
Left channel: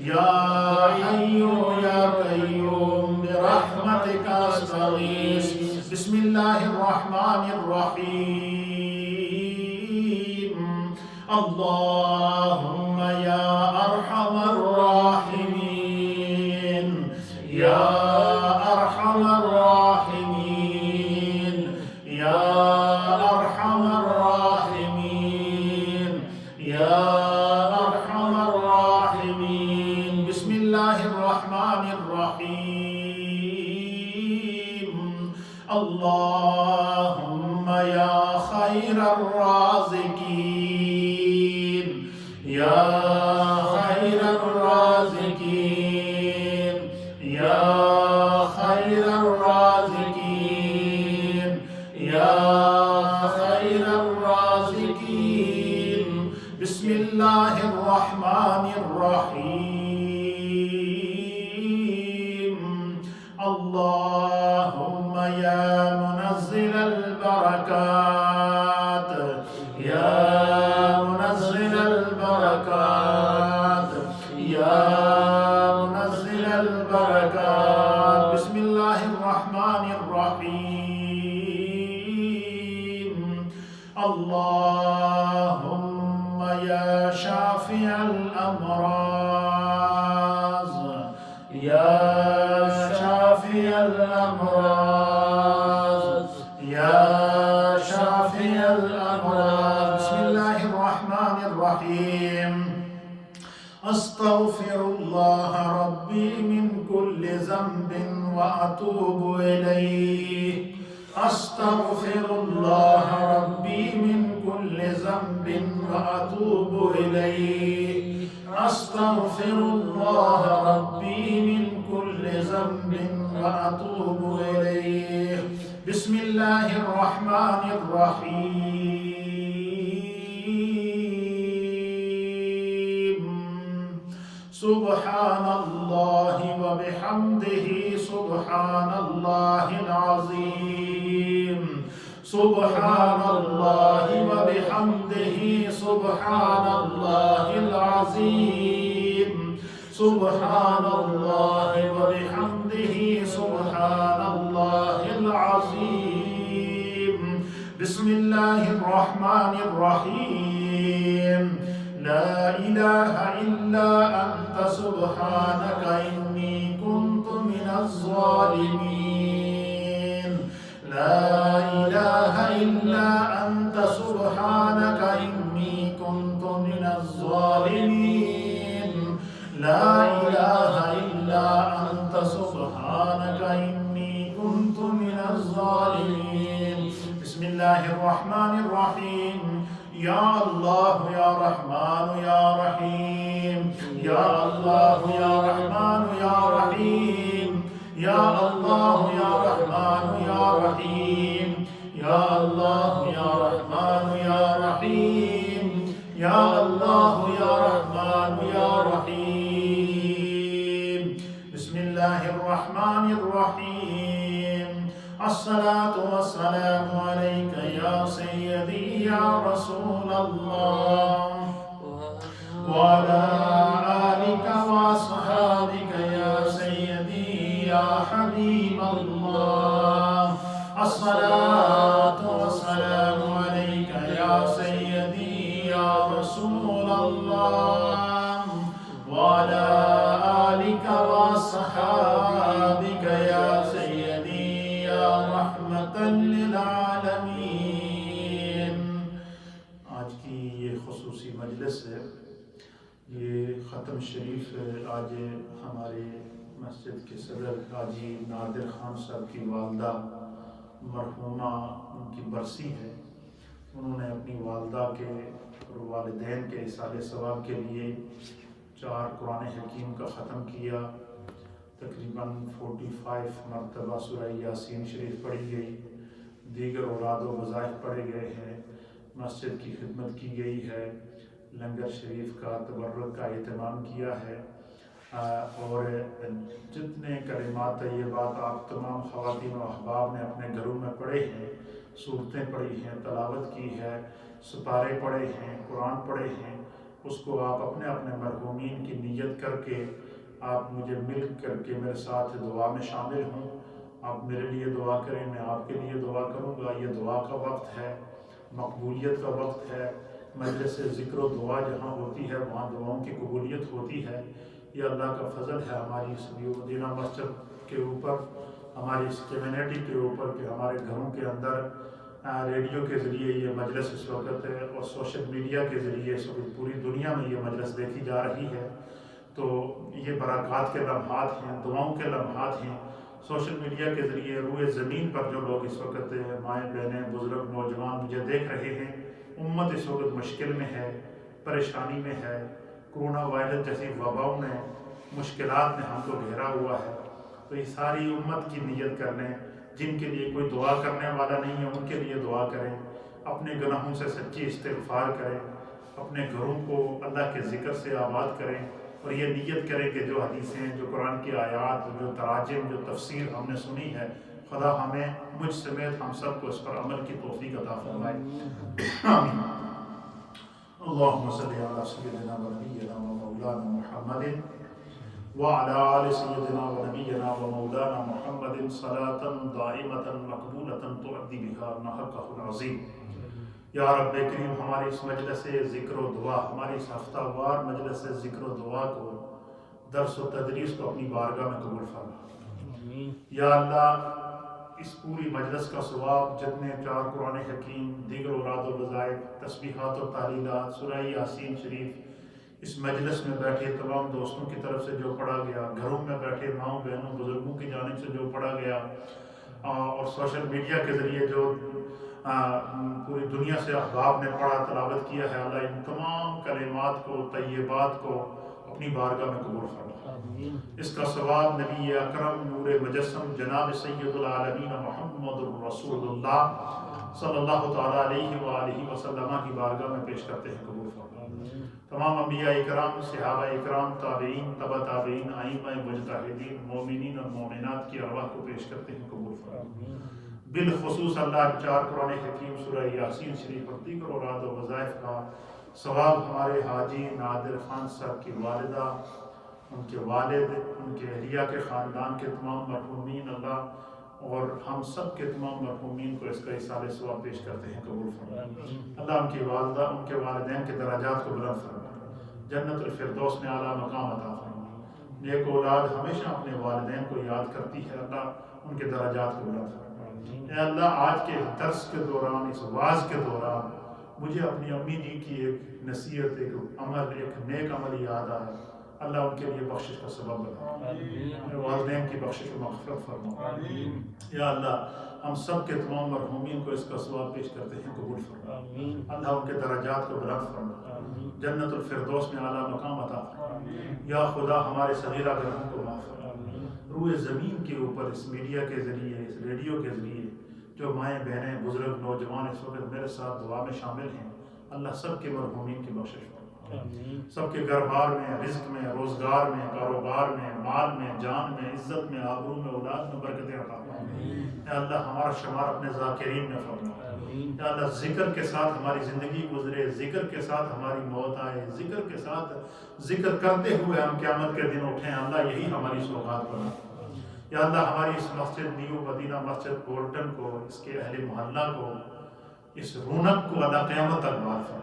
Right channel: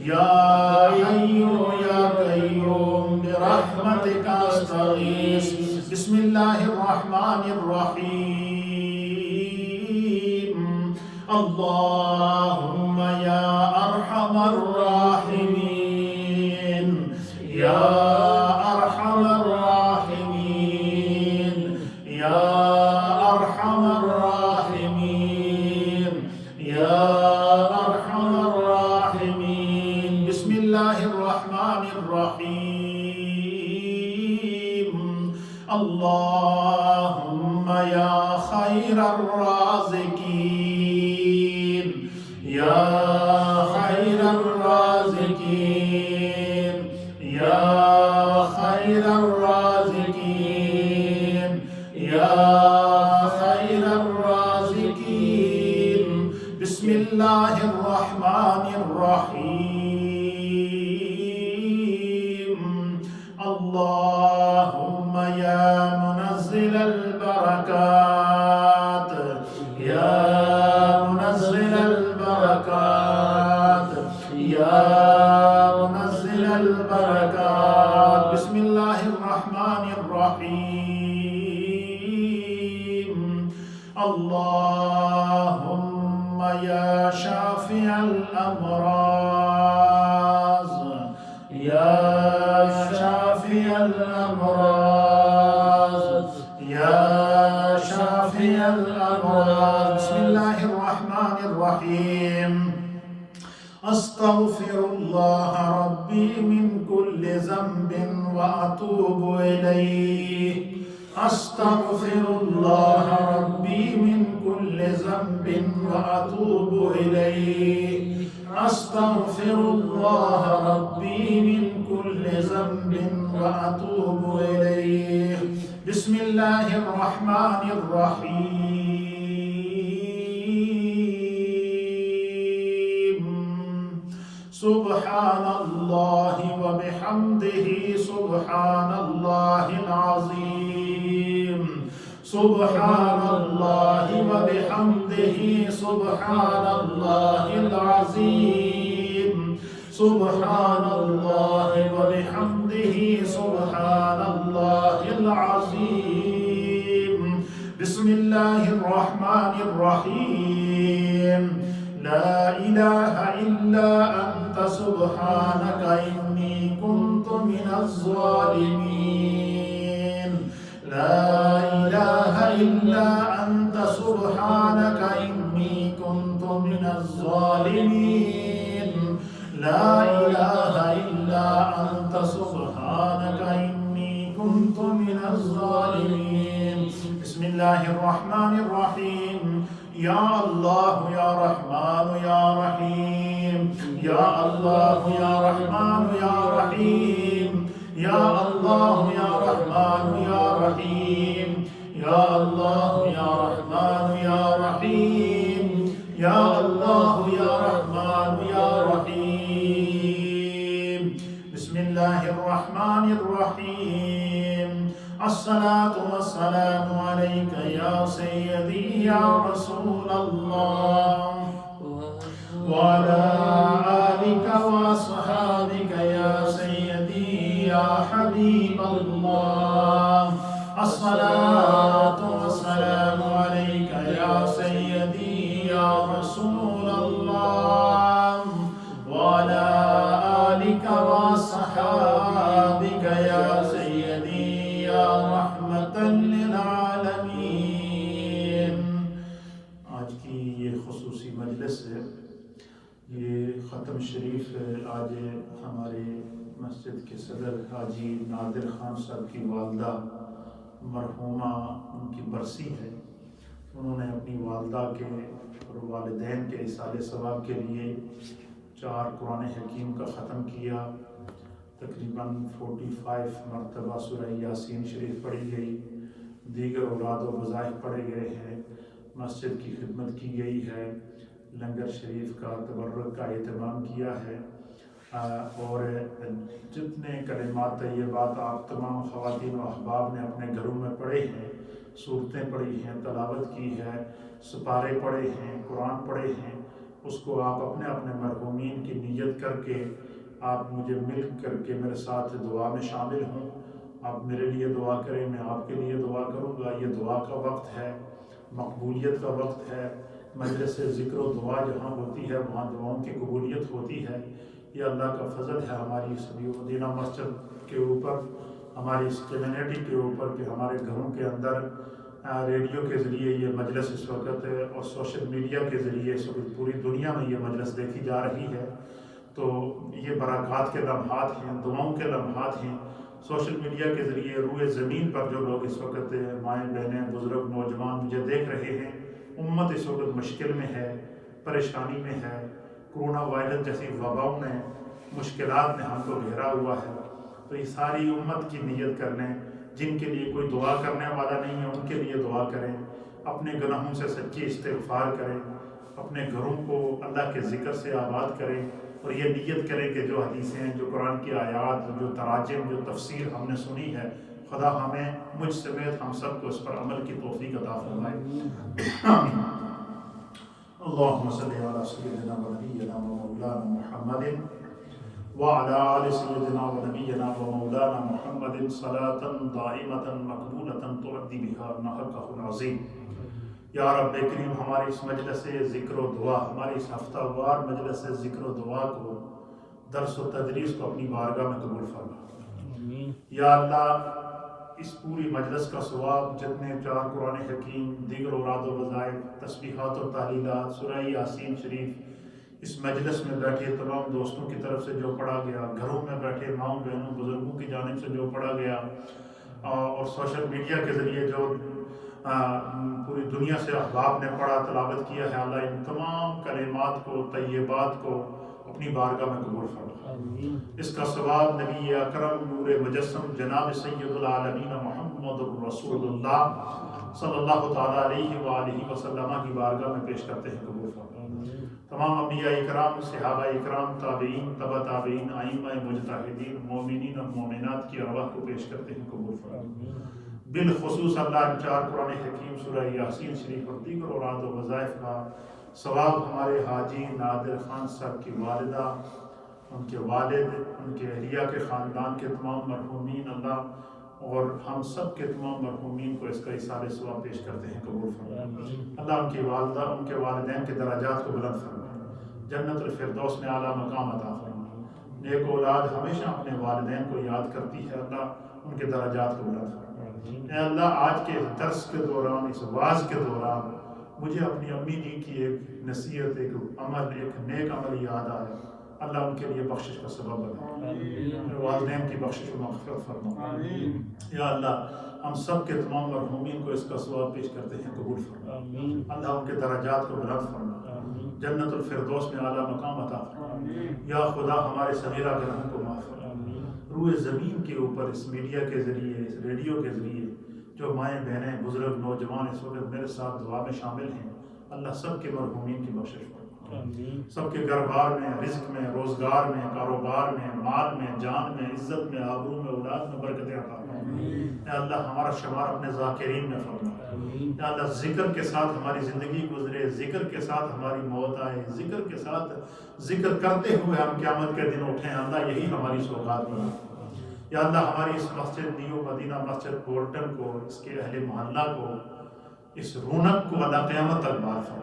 يا حي يا قيوم برحمتك أستغيث بسم الله الرحمن الرحيم اللهم يا أرحم الراحمين يا أرحم الراحمين يا أرحم الراحمين يا أرحم الراحمين بسم الله الرحمن الرحيم اللهم يا خير الرازقين يا خير الرازقين يا خير الرازقين يا خير الرازقين بسم الله الرحمن الرحيم اللهم يا منزل البركات يا منزل البركات يا منزل البركات بسم الله الرحمن الرحيم اللهم يا شافي الأمراض يا شافي الأمراض يا شافي الأمراض بسم الله الرحمن الرحيم أستغفر الله ربي من كل ذنب وأتوب إليه أستغفر الله ربي من كل ذنب وأتوب إليه أستغفر الله ربي من كل ذنب وأتوب إليه بسم الله الرحمن الرحيم سبحان الله وبحمده سبحان الله العظيم سبحان الله وبحمده سبحان الله العظيم سبحان الله وبحمده سبحان الله العظيم بسم الله الرحمن الرحيم لا إله إلا أنت سبحانك إني كنت من الظالمين لا إله إلا أنت سبحانك إني كنت من الظالمين لا إله إلا أنت سبحانك إني كنت من الظالمين بسم الله الرحمن الرحيم يا الله يا رحمن يا رحيم يا الله يا رحمن يا رحيم يا الله يا رحمن يا رحيم يا الله يا رحمن يا رحيم يا الله يا رحمن يا رحيم بسم الله الرحمن الرحيم الصلاة والسلام عليك يا سيدي يا رسول الله وعلى آلك وأصحابك يا سيدي يا حبيب الله الصلاة والسلام عليك يا سيدي يا رسول الله وعلى آلك وأصحابك يا سيدي يا رحمة للعالمين آج کی یہ خصوصی مجلس ہے یہ ختم شریف آج ہمارے مسجد کے صدر حاجی نادر خان صاحب کی والدہ مرحومہ ان کی برسی ہے انہوں نے اپنی والدہ کے اور والدین کے اصال ثواب کے لیے 4 قرآن حکیم کا ختم کیا تقریباً 45 مرتبہ سورہ یاسین شریف پڑھی گئی دیگر اولاد و وظائف پڑھے گئے ہیں مسجد کی خدمت کی گئی ہے لنگر شریف کا تبرک کا اہتمام کیا ہے اور جتنے کلمات طیبات آپ تمام خواتین و احباب نے اپنے گھروں میں پڑھے ہیں صورتیں پڑھی ہیں تلاوت کی ہے سپارے پڑھے ہیں قرآن پڑھے ہیں اس کو آپ اپنے اپنے مرحومین کی نیت کر کے آپ مجھے مل کر کے میرے ساتھ دعا میں شامل ہوں. آپ میرے لیے دعا کریں، میں آپ کے لیے دعا کروں گا. یہ دعا کا وقت ہے، مقبولیت کا وقت ہے. مجلس ذکر و دعا جہاں ہوتی ہے وہاں دعاؤں کی قبولیت ہوتی ہے. یہ اللہ کا فضل ہے ہماری اس مدینہ مسجد کے اوپر، ہماری اس کمیونٹی کے اوپر، کہ ہمارے گھروں کے اندر ریڈیو کے ذریعے یہ مجلس اس وقت ہے، اور سوشل میڈیا کے ذریعے اس وقت پوری دنیا میں یہ مجلس دیکھی جا رہی ہے. تو یہ برکات کے لمحات ہیں، دعاؤں کے لمحات ہیں. سوشل میڈیا کے ذریعے روئے زمین پر جو لوگ اس وقت مائیں بہنیں بزرگ نوجوان مجھے دیکھ رہے ہیں، امت اس وقت مشکل میں ہے، پریشانی میں ہے. کرونا وائرس جیسی وباؤں نے، مشکلات نے ہم کو گھیرا ہوا ہے. تو یہ ساری امت کی نیت کر لیں. جن کے لیے کوئی دعا کرنے والا نہیں ہے ان کے لیے دعا کریں. اپنے گناہوں سے سچی استغفار کریں. اپنے گھروں کو اللہ کے ذکر سے آباد کریں، اور یہ نیت کریں کہ جو حدیثیں، جو قرآن کی آیات، جو تراجم، جو تفسیر ہم نے سنی ہے، خدا ہمیں، مجھ سمیت ہم سب کو اس پر عمل کی توفیق عطا فرمائے. آمین. اللہم صلی علی سیدنا و نبینا و مولانا محمد وعلى آل سيدنا ونبينا ومولانا محمد صلاة دائمة مقبولة تؤدي بها حقه العظيم. یا رب کریم، ہماری اس مجلس ذکر و دعا، ہماری اس ہفتہ وار مجلس ذکر و دعا کو، درس و تدریس کو اپنی بارگاہ میں قبول فرما. یا اللہ، اس پوری مجلس کا ثواب جتنے 4 قرآن حکیم، دیگر اوراد و وظائف، تسبیحات و تعلیلات، سورہ یاسین شریف، اس مجلس میں بیٹھے تمام دوستوں کی طرف سے جو پڑھا گیا، گھروں میں بیٹھے ماؤں بہنوں بزرگوں کی جانب سے جو پڑھا گیا، اور سوشل میڈیا کے ذریعے جو پوری دنیا سے احباب نے پڑھا، تلاوت کیا ہے، اللہ ان تمام کلمات کو، طیبات کو اپنی بارگاہ میں قبول فرما. اس کا ثواب نبی اکرم نور مجسم جناب سید العالمین محمد الرسول اللہ صلی اللہ تعالیٰ علیہ وآلہ وسلم کی بارگاہ میں پیش کرتے ہیں، قبول فرما. تمام انبیاء اکرام، صحابہ اکرام، تابعین، تبع تابعین، ائمہ مجتہدین، مومنین اور مومنات کی ارواح کو پیش کرتے ہیں، قبول فرما. بالخصوص اللہ ان 4 قرآن حکیم، سورہ یاسین شریف اور دیگر اوراد و وظائف کا ثواب ہمارے حاجی نادر خان صاحب کی والدہ، ان کے والد، ان کے اہلیہ کے خاندان کے تمام مرحومین، اللہ اور ہم سب کے تمام مرحومین کو اس کا ایصال ثواب پیش کرتے ہیں، قبول فرما. اللہ ان کی والدہ، ان کے والدین کے درجات کو بلند فرما، جنت الفردوس میں اعلیٰ مقام عطا فرما. نیک اولاد ہمیشہ اپنے والدین کو یاد کرتی ہے، اللہ ان کے درجات کو بلند فرما. اے اللہ، آج کے درس کے دوران، اس واعظ کے دوران مجھے اپنی امی جی کی ایک نصیحت، ایک عمل، ایک نیک عمل یاد آیا. اللہ ان کے لیے بخشش کا سبب بنا، میرے والدین کی بخشش و مغفرت فرما. یا اللہ، ہم سب کے تمام مرحومین کو اس کا ثواب پیش کرتے ہیں، قبول فرما. اللہ ان کے درجات کو بلند فرما، جنت الفردوس میں اعلیٰ مقام عطا فرما. یا خدا، ہمارے صغیرہ گناہوں کو معاف فرما. روئے زمین کے اوپر اس میڈیا کے ذریعے، اس ریڈیو کے ذریعے جو مائیں بہنیں بزرگ نوجوان اس وقت میرے ساتھ دعا میں شامل ہیں، اللہ سب کے مرحومین کی بخشش فرما. سب کے گھر بار میں، رزق میں، روزگار میں، کاروبار میں، مال میں، جان میں، عزت میں، آبرو میں، اولاد میں برکتیں عطا فرما. اے اللہ، ہمارا شمار اپنے ذاکرین میں فرما. اے اللہ، ذکر کے ساتھ ہماری زندگی گزرے، ذکر کے ساتھ ہماری موت آئے، ذکر کے ساتھ ذکر کرتے ہوئے ہم قیامت کے دن اٹھیں. اللہ، یہی ہماری سوغات بنا. یا اللہ، ہماری اس مسجد نیو مدینہ مسجد بولٹن کو، اس کے اہل محلہ کو، اس رونق کو اللہ قیامت تک بحال فرما.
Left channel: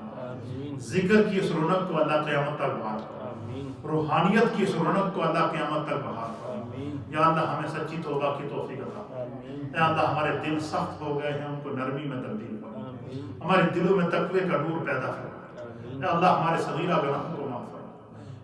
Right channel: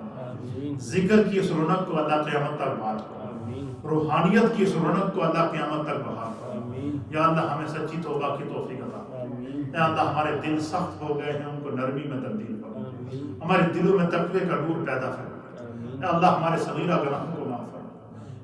ذکر کی اس رونق کو اللہ قیامت تک بحال فرما. روحانیت کی اس رونق کو اللہ قیامت تک بحال فرما. یا اللہ، ہمیں سچی توبہ کی توفیق عطا فرما. اے اللہ، ہمارے دل سخت ہو گئے ہیں، ان کو نرمی میں تبدیل فرما. ہمارے دلوں میں تقوی کا نور پیدا فرما. اے اللہ، ہمارے صغیرہ گناہوں کو معاف فرما.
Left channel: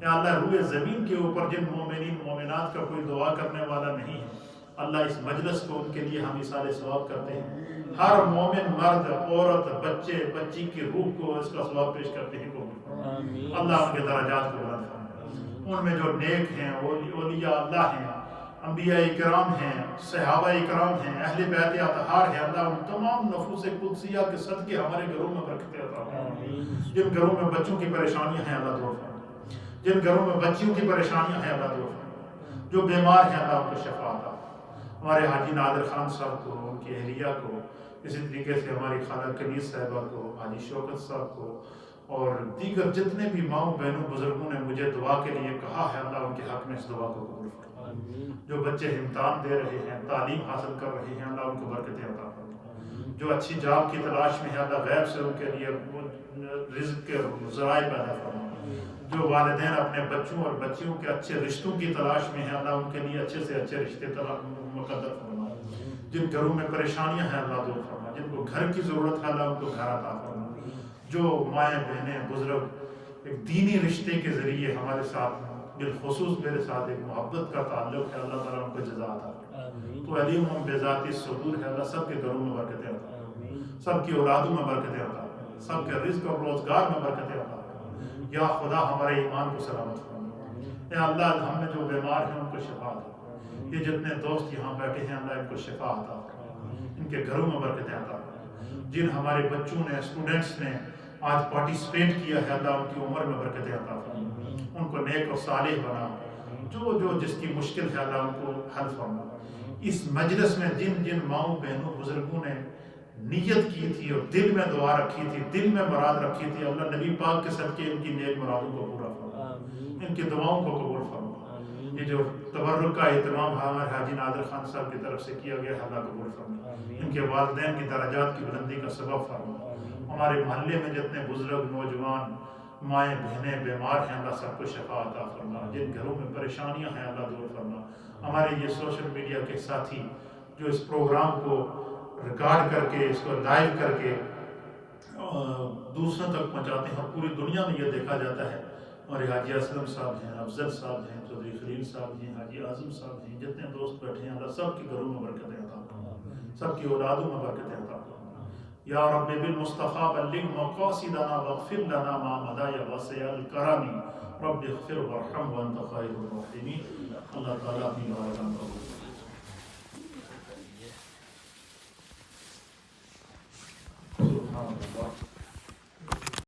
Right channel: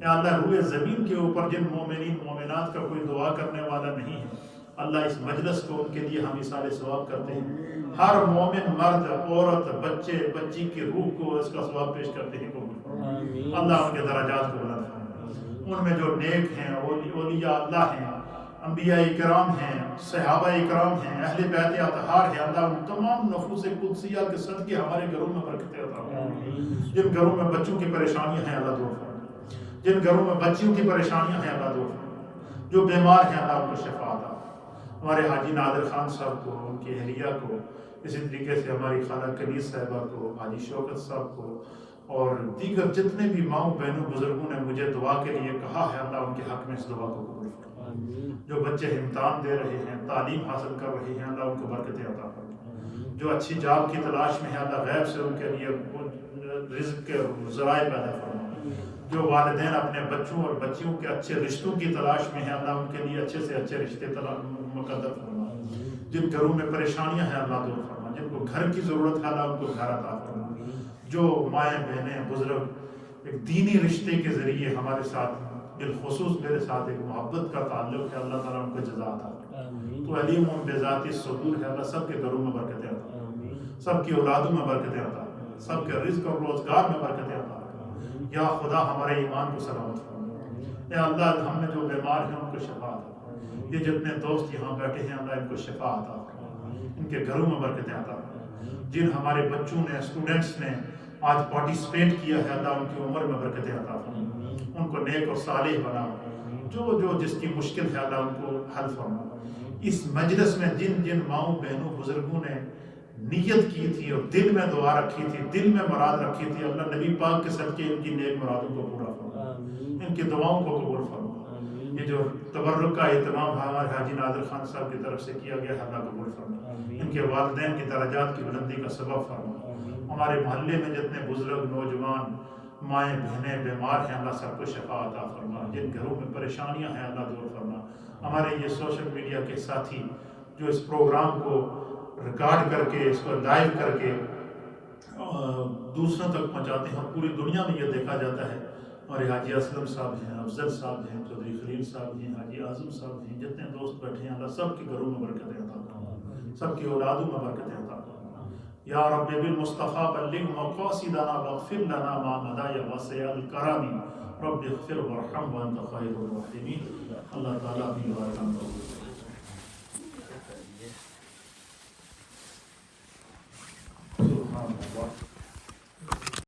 اے اللہ، روئے زمین کے اوپر جن مومنین مومنات کا کوئی دعا کرنے والا نہیں ہے، اللہ اس مجلس کو ان کے لیے ہم ایصال ثواب کرتے ہیں. ہر مومن مرد، عورت، بچے، بچی کی روح کو اس کا ثواب پیش کرتے ہیں. اللہ ان کے درجات کو بلند فرما. ان میں جو نیک ہیں، اولیاء اللہ ہیں، انبیاء اکرام ہیں، صحابہ اکرام ہیں، اہل بیت اطہار ہیں، اللہ ان تمام نفوس قدسیہ کے صدقے ہمارے گھروں میں برکتیں عطا فرما. جن گھروں میں بچوں کی پریشانیاں ہیں، اللہ دور فرما. جن گھروں میں بچیوں کی پریشانیاں ہیں، اللہ دور فرما. جو بیمار ہیں، اللہ ان کو شفا عطا. ہمارے حاجی نادر خان صاحب کو، ان کی اہلیہ کو، اسی طریقے سے ہماری خالہ کنیز صاحبہ کو، حاجی شوکت صاحب کو، اور دیگر جتنے بھی ماؤں بہنوں بزرگوں نے مجھے دعا کے لیے کہا ہے، اللہ ان کے حق میں اس دعا کو قبول فرما۔ جو بچے امتحان دے رہے ہیں، تعلیم حاصل کر رہے ہیں، اللہ ان کو برکتیں عطا فرما۔ جو اچھی جاب کی تلاش میں ہے، اللہ غیب سے ان کے لیے رزق کے ذرائع پیدا فرما۔ جو والدین اپنے بچوں اور بچیوں کے اچھے رشتوں کی تلاش میں ہیں، اللہ ان کے لیے اچھے سے اچھے رشتے مقدر فرما۔ جن گھروں میں پریشانیاں ہیں، اللہ دور فرما۔ جن کو گھر کی ضرورت ہے، اللہ ان کو گھر عطا فرما۔ جو مائیں بہنیں بزرگ ایک دینی رشتے کے ذریعے ہمارے ساتھ، بالخصوص میرے ساتھ ایک محبت کا تعلق ہے، اللہ تعالیٰ ان کو جزا عطا فرما۔ تو علیم بذات الصدور ہے، اللہ سب کے گھروں میں برکتیں عطا فرما، سب کی اولادوں میں برکتیں عطا فرما، سب کے رزق اور روزگار میں برکتیں عطا فرما۔ یا خدا ہمارے ایمان کو سلامت فرما۔ اے اللہ ہم میں جو بیمار ہیں ان کو شفا عطا فرما۔ یہ جتنے دوست یہاں بیٹھے ہیں، اللہ ان کو شفا عطا فرما، ان کے گھروں میں برکتیں عطا فرما۔ جن ہمارے بچوں نے، اسٹوڈنٹس نے آج پارٹیسپیٹ کیا ہے، اللہ ان کی عمر میں برکتیں عطا فرما، ان کو نیک اور صالح بنا۔ جو جس کی مشکل ہے، اللہ ان کو حل فرما۔ اس مجلس میں جن جن ماؤں بہنوں بزرگوں نے نیت کی تھی اور دل میں دعا رکھی تھی، دل میں مراد رکھی تھی، اللہ نبی پاک کے صدقے ان کی نیک مرادوں کو پورا فرما، ان کی دعاؤں کو قبول فرما۔ یہ جو تبرک کا اہتمام ہمارے حاجی نادر خان صاحب کی طرف سے کیا گیا ہے، اللہ قبول فرما، ان کے والدین کی درجات کی بلندی کا سبب فرما۔ ہمارے محلے میں جتنے بزرگ، نوجوان، مائیں بہنیں بیمار ہیں، اللہ سب کو شفا عطا فرما۔ جن گھروں میں پریشانیاں ہیں، اللہ دور فرما۔ ہمارے یہ سوشل میڈیا کے ساتھی جو اس پروگرام کو ریکارڈ کر کے، اس کو لائیو کر کے دوسروں تک پہنچاتے ہیں اور پوری دنیا میں یہ دیکھا جاتا ہے، ہمارے حاجی اسلم صاحب ہیں، افضل صاحب ہیں، چودھری خلیل صاحب ہیں، حاجی اعظم صاحب ہیں، جتنے دوست بیٹھے ہیں، اللہ سب کے گھروں میں برکتیں عطا فرما، سب کی اولادوں میں برکتیں عطا فرما۔ یا رب بالمصطفیٰ بلغ مقاصدنا واغفر لنا ما مضى یا واسع الکرم رب اغفر وارحم وانت خیر الراحمین۔ اللہ تعالیٰ اپنی بارگاہ میں قبول کرے۔ سبحان اللہ۔